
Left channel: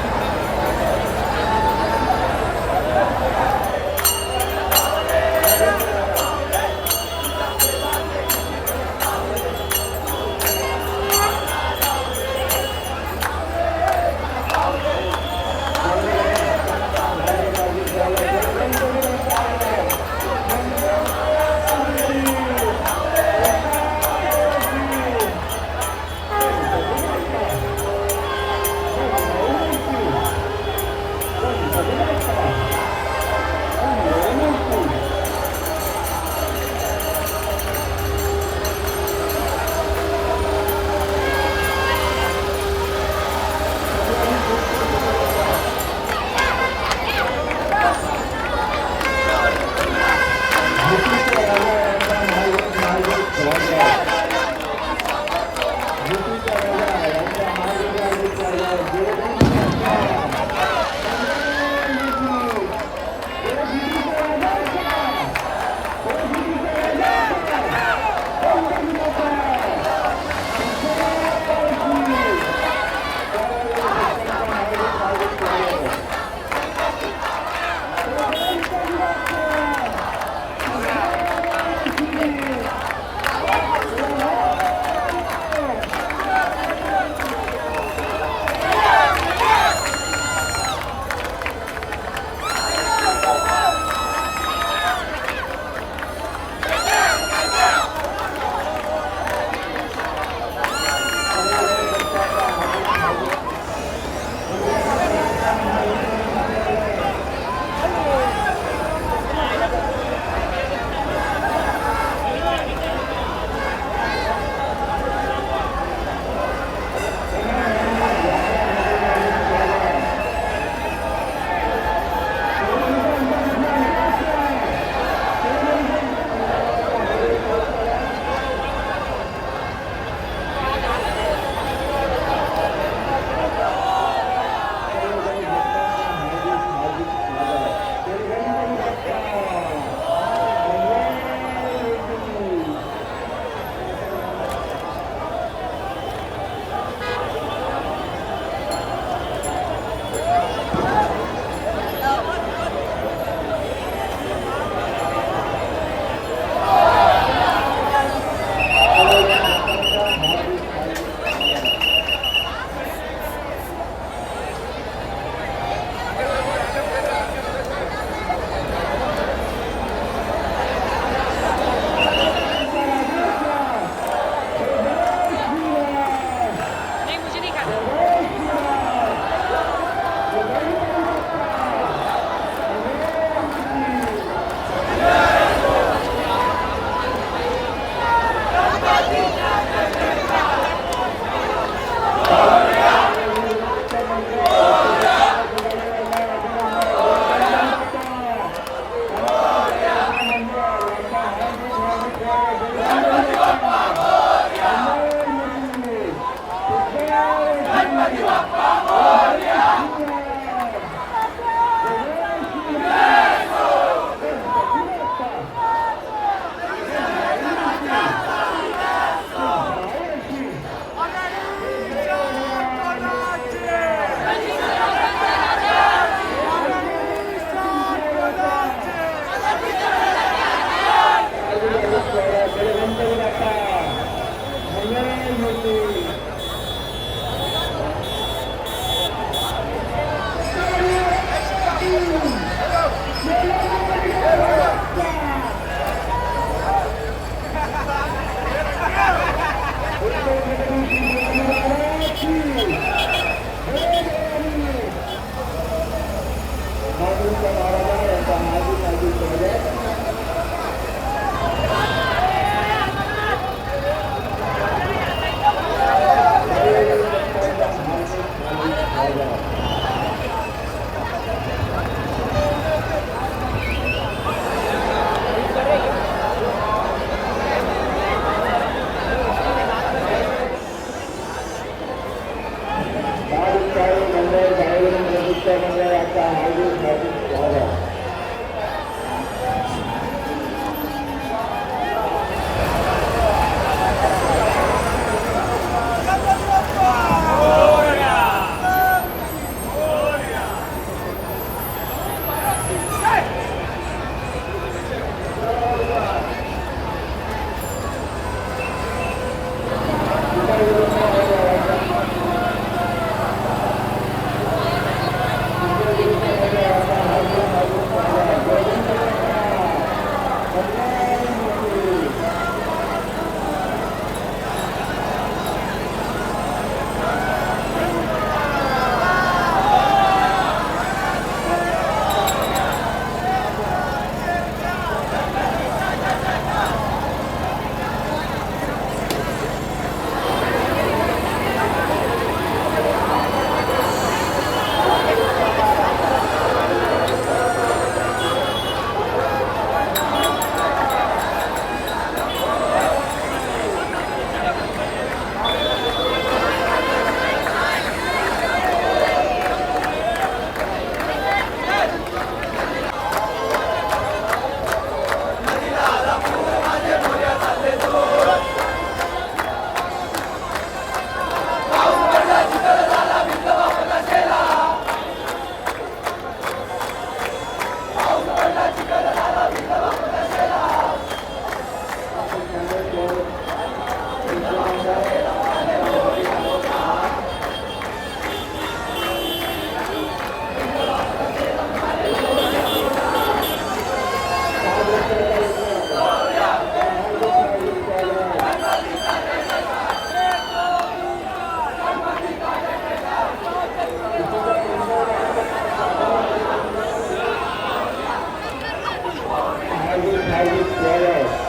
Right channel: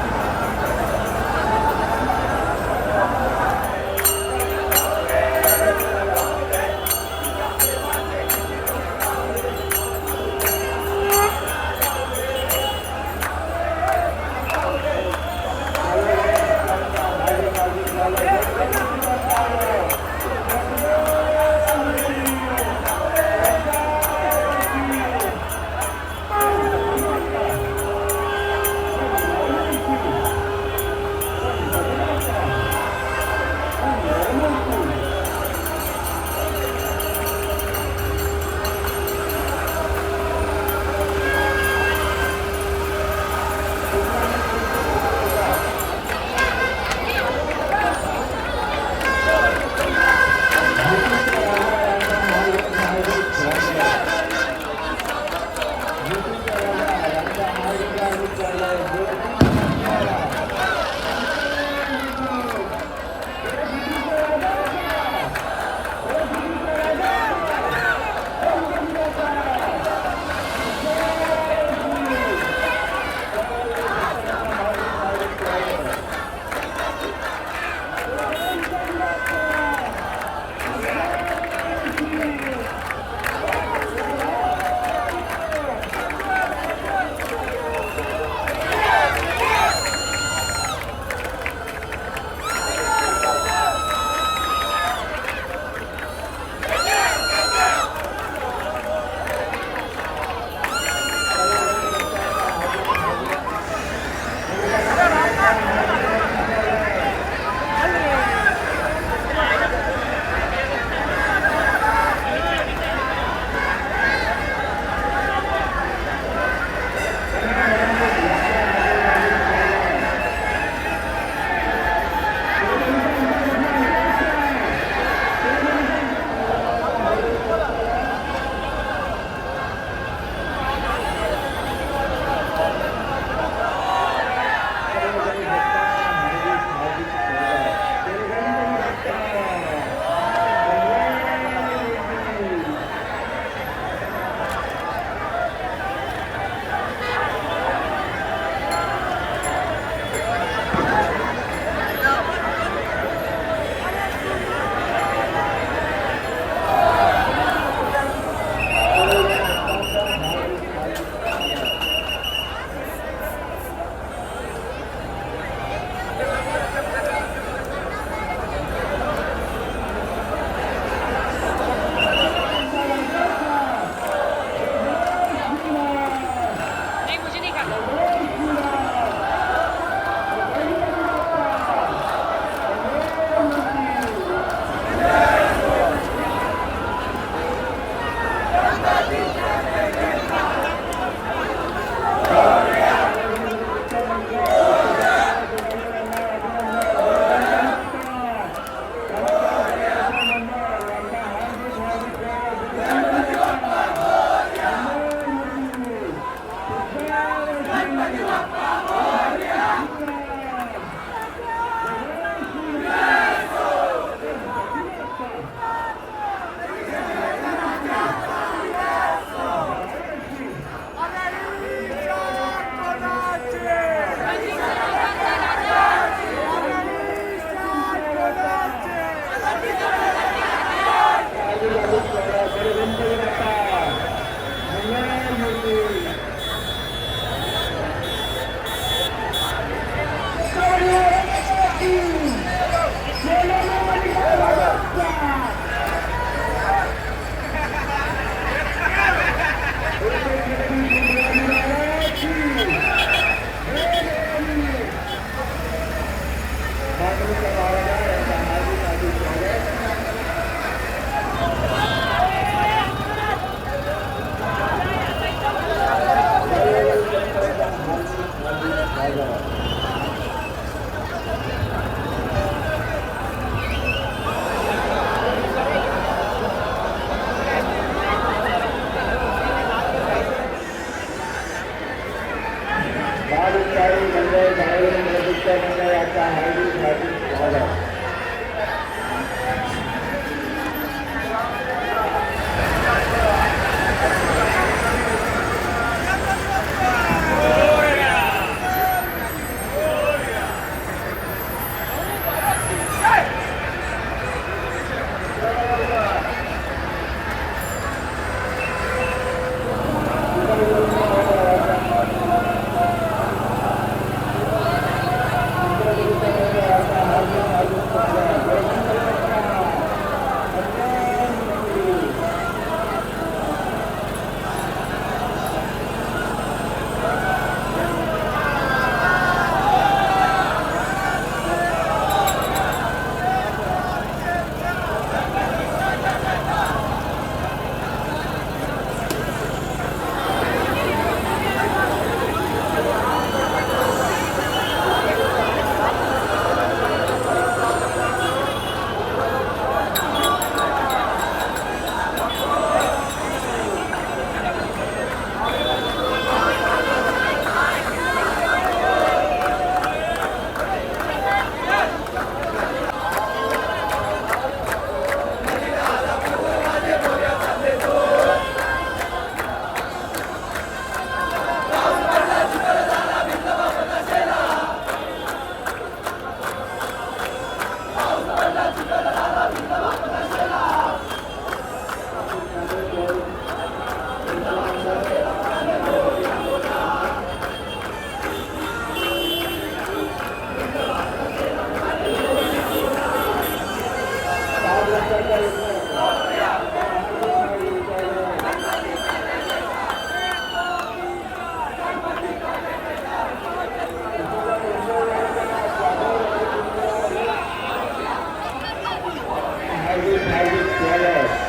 आयोजित किया जाए।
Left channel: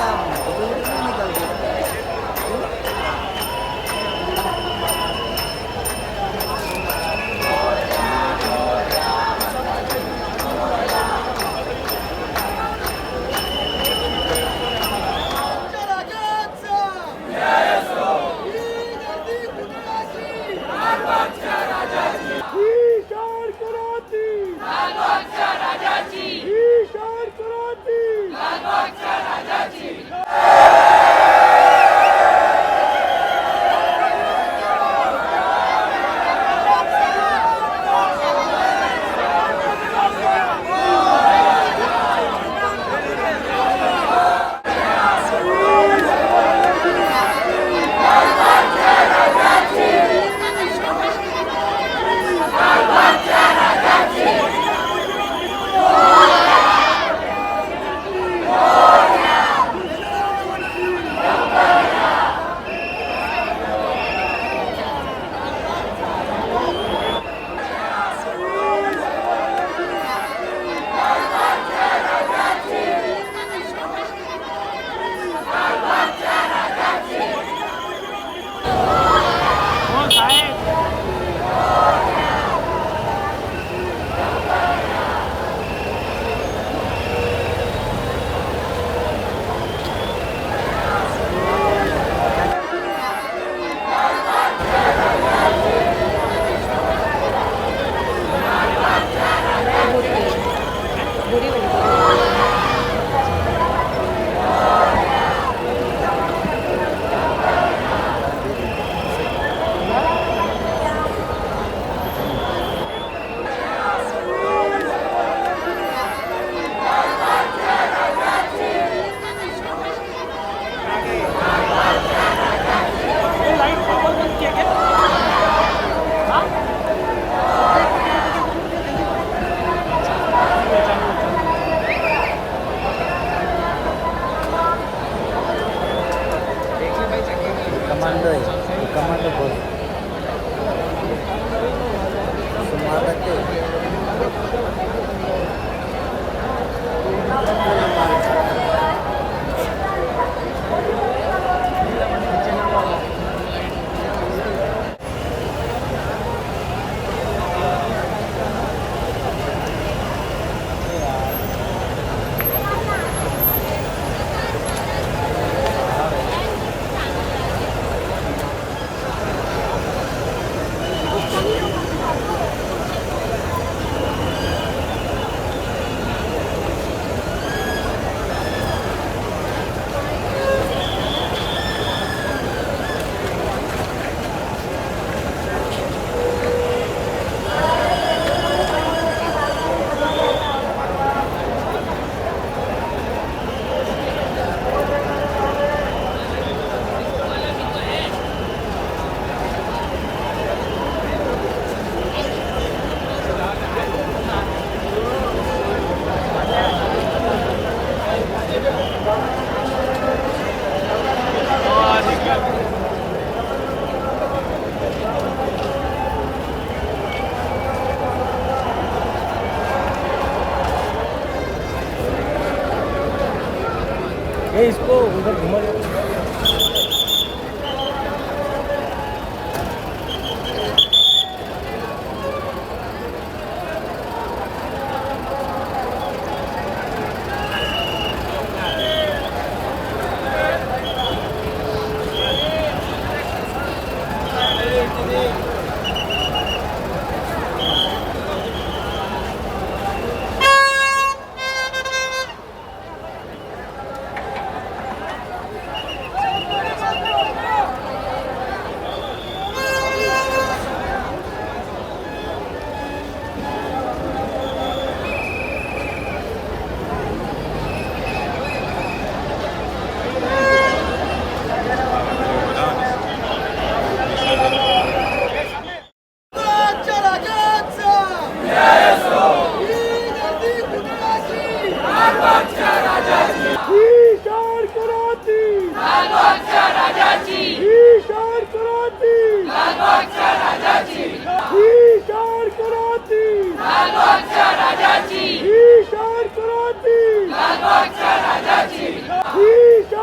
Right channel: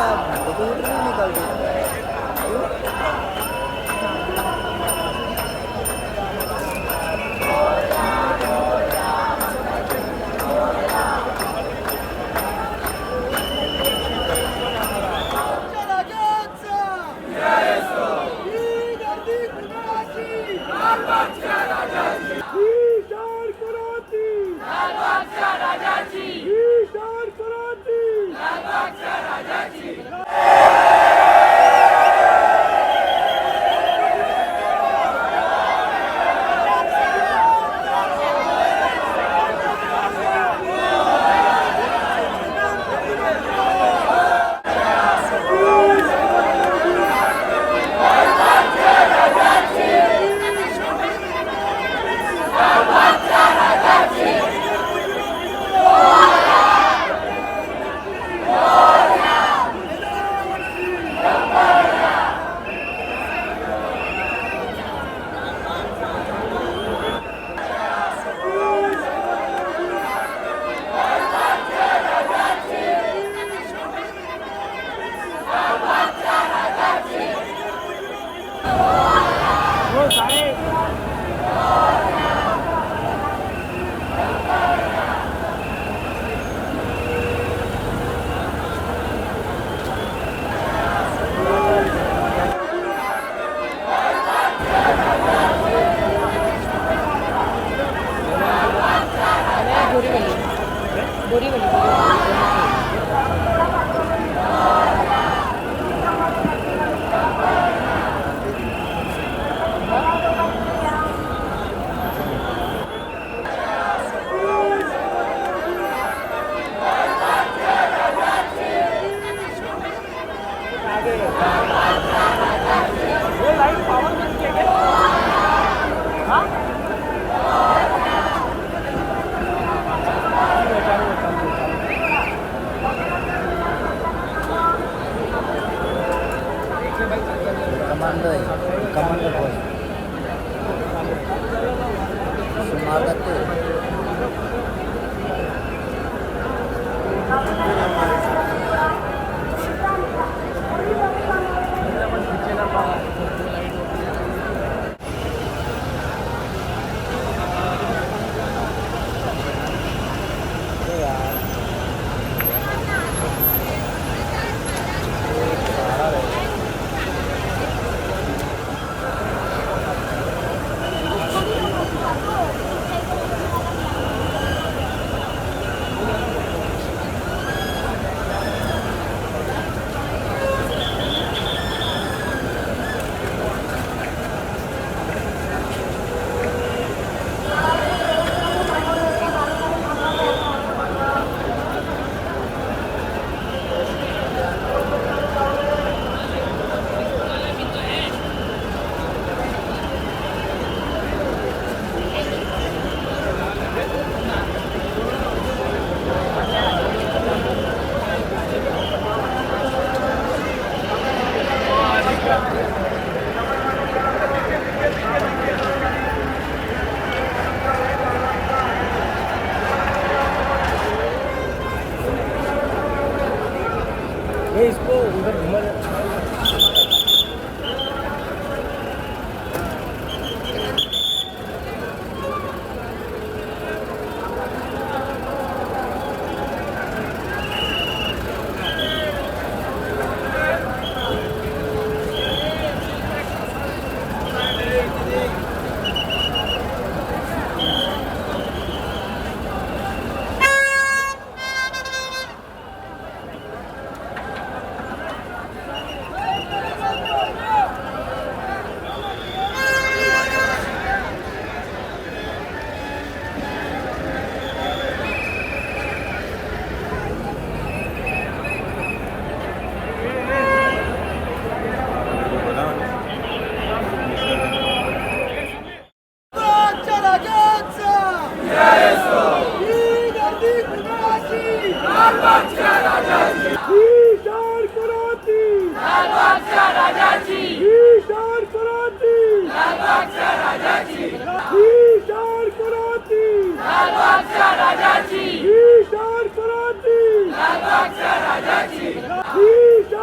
क्या फोटो नहीं निकालते? कमांडर बोल स्वागत इसको उधर घुमा राजाची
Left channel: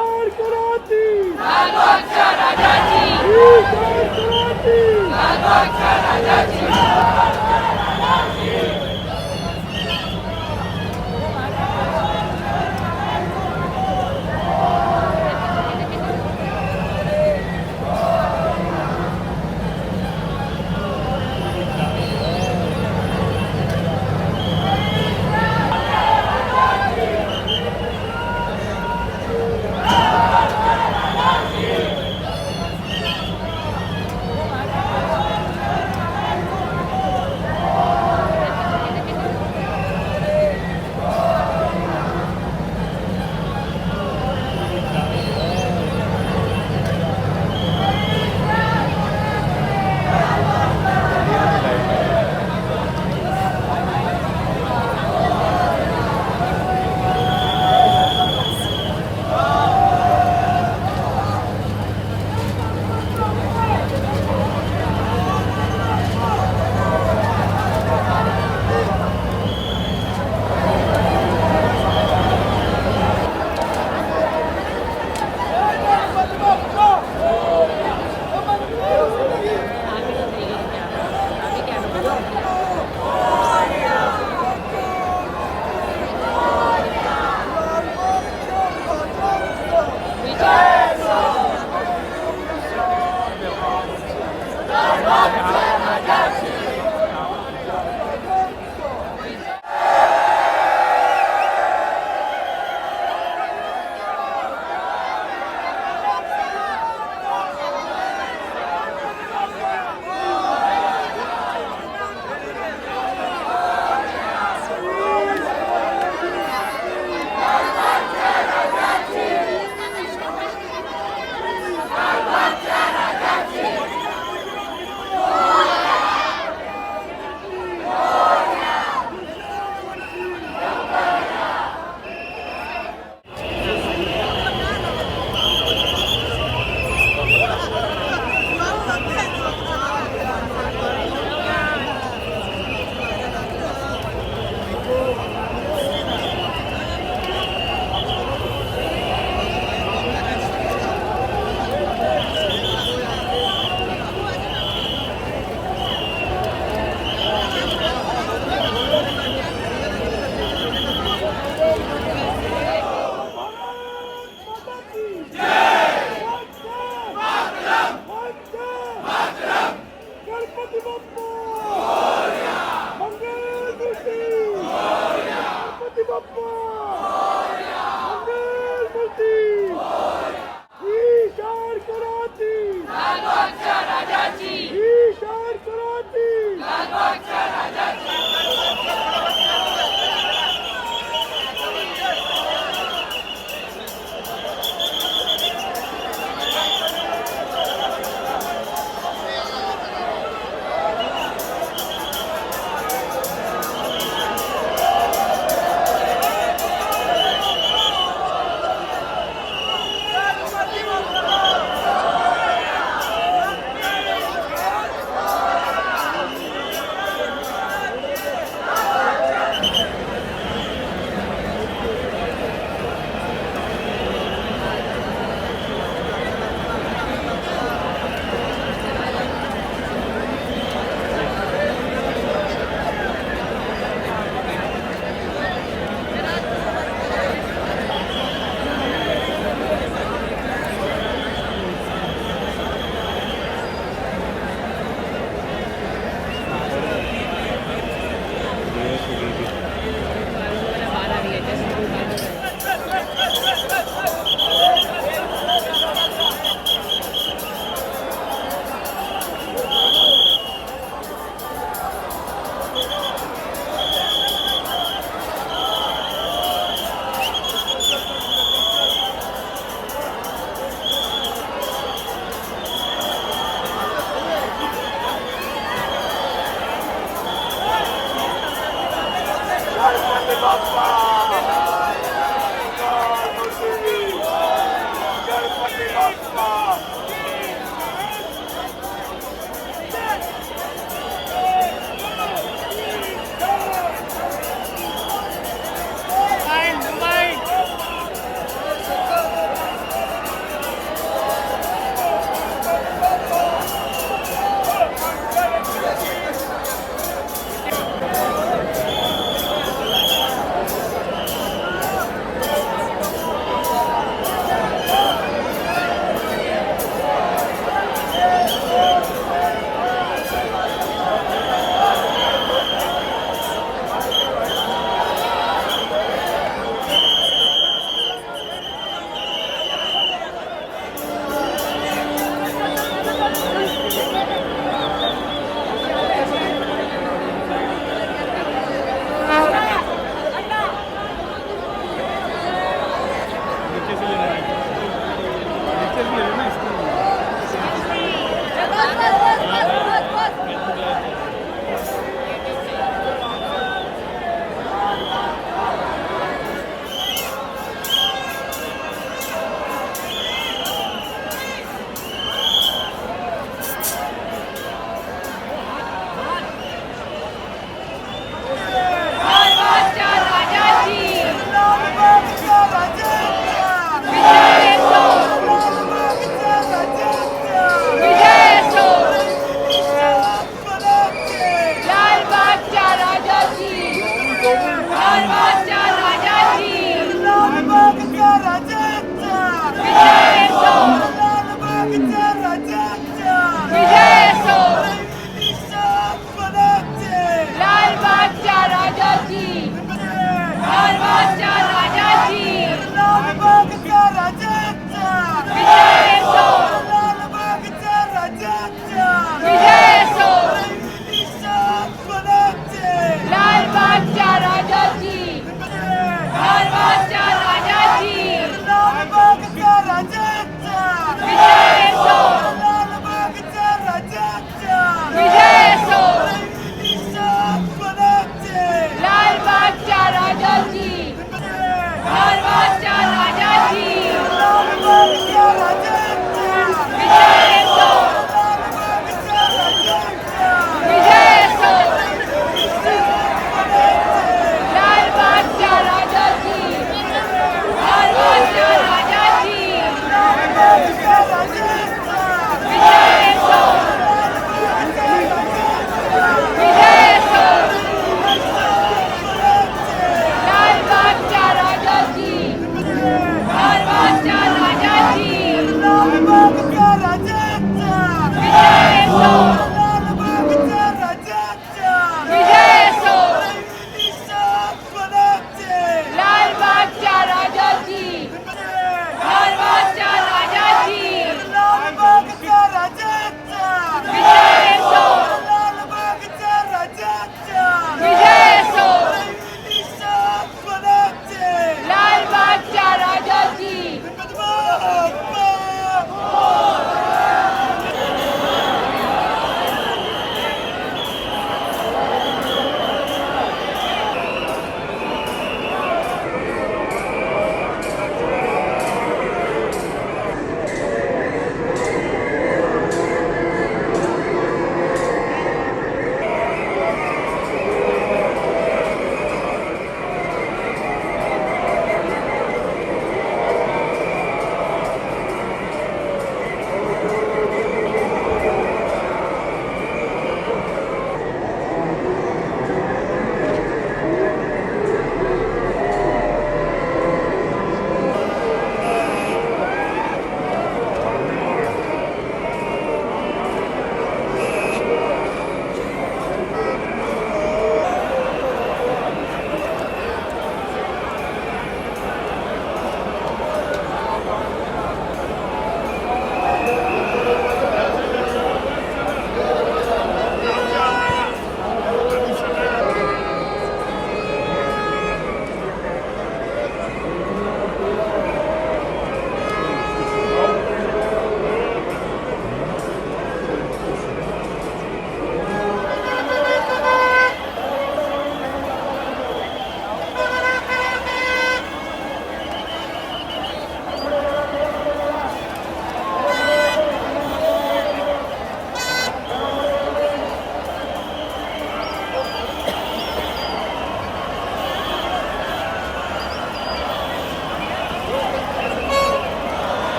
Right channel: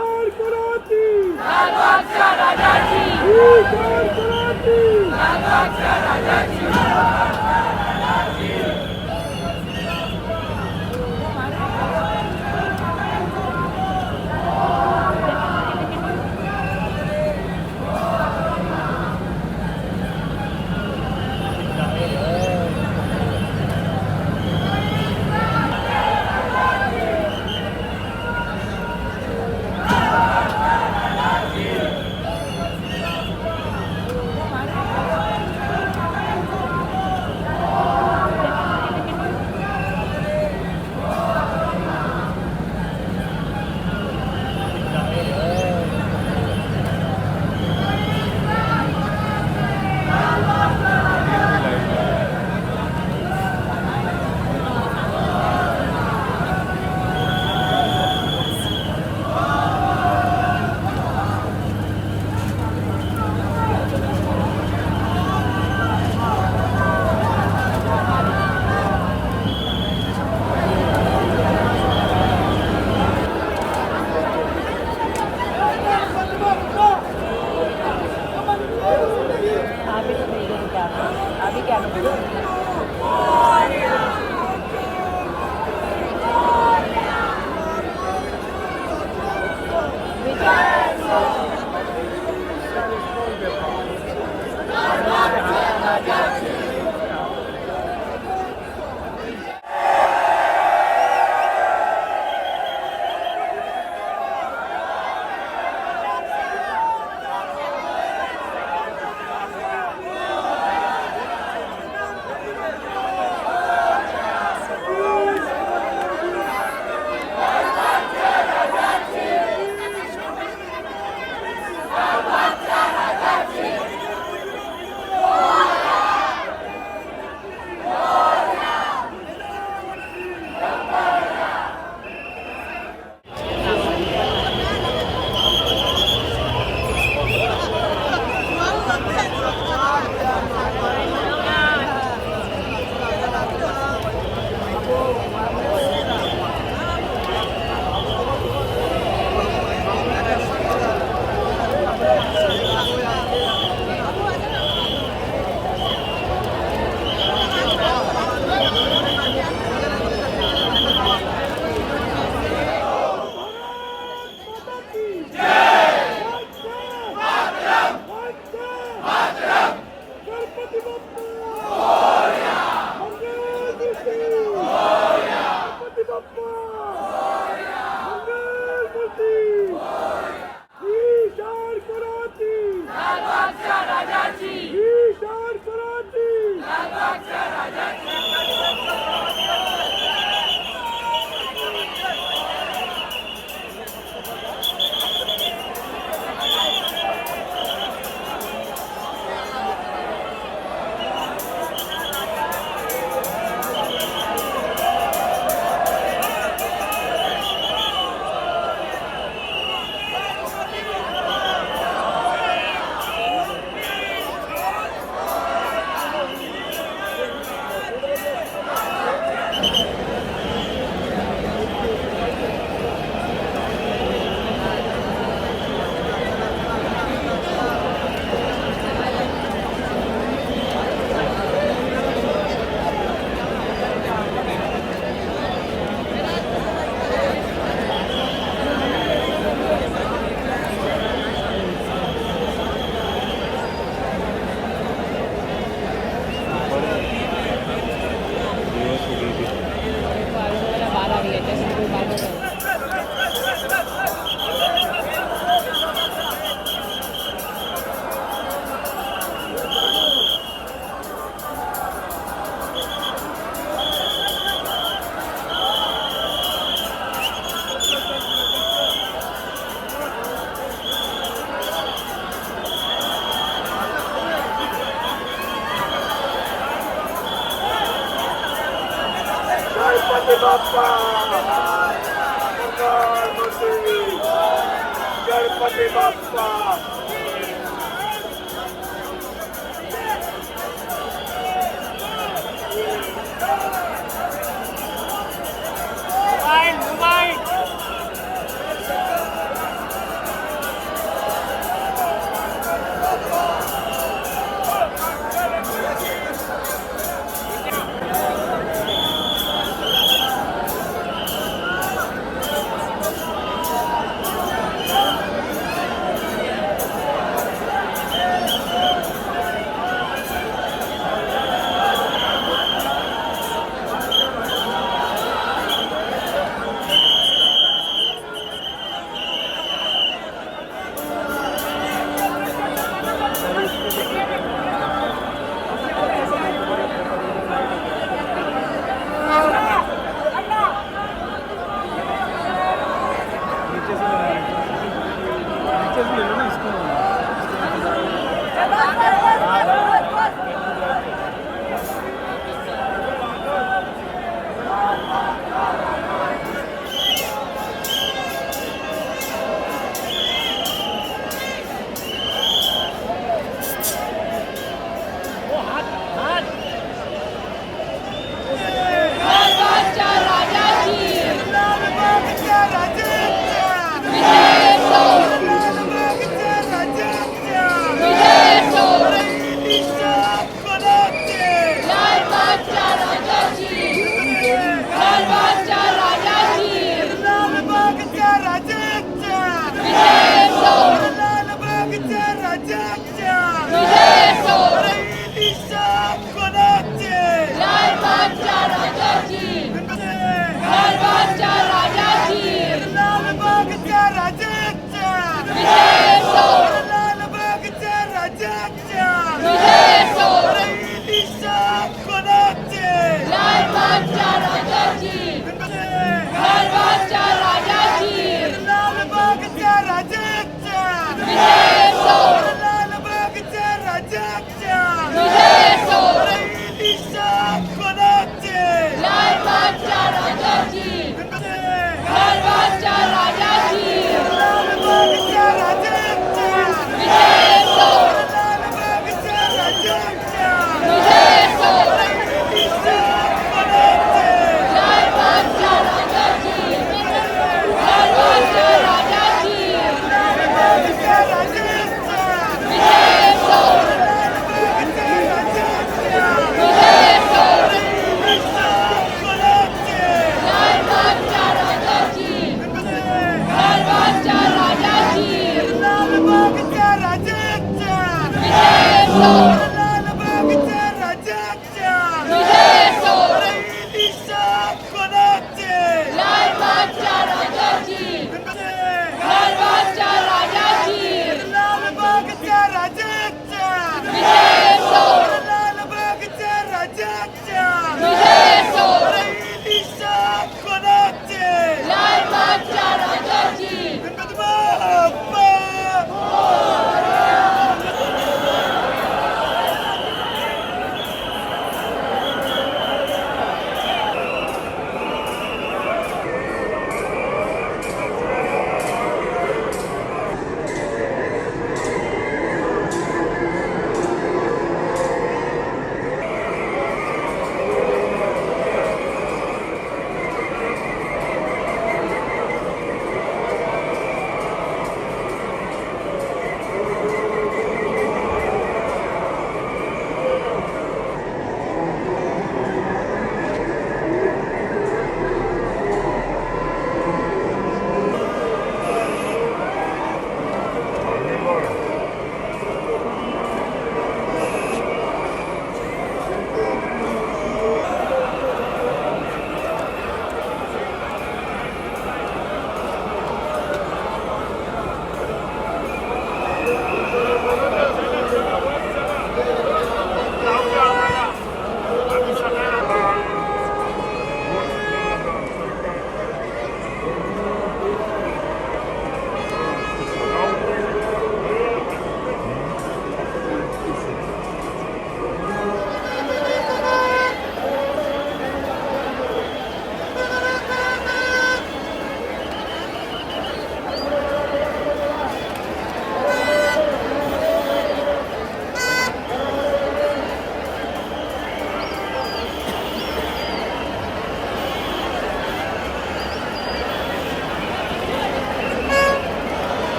बाप्पा मंगल मूर्ती गणपती बाप्पा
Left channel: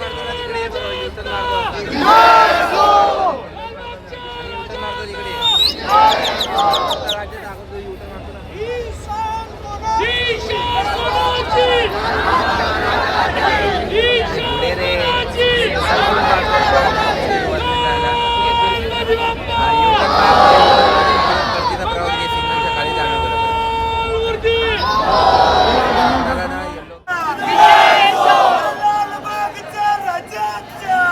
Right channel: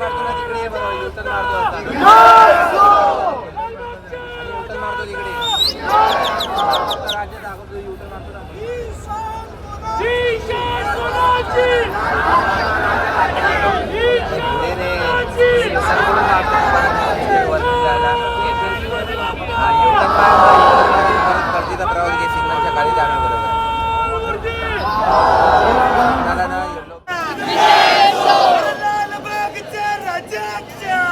मारतो ना तिकडे बघा युटर्न मारतो युटर्न मारतो तिकडे राज्य दाखवतो युटर्न लालबागच्या राजाच्या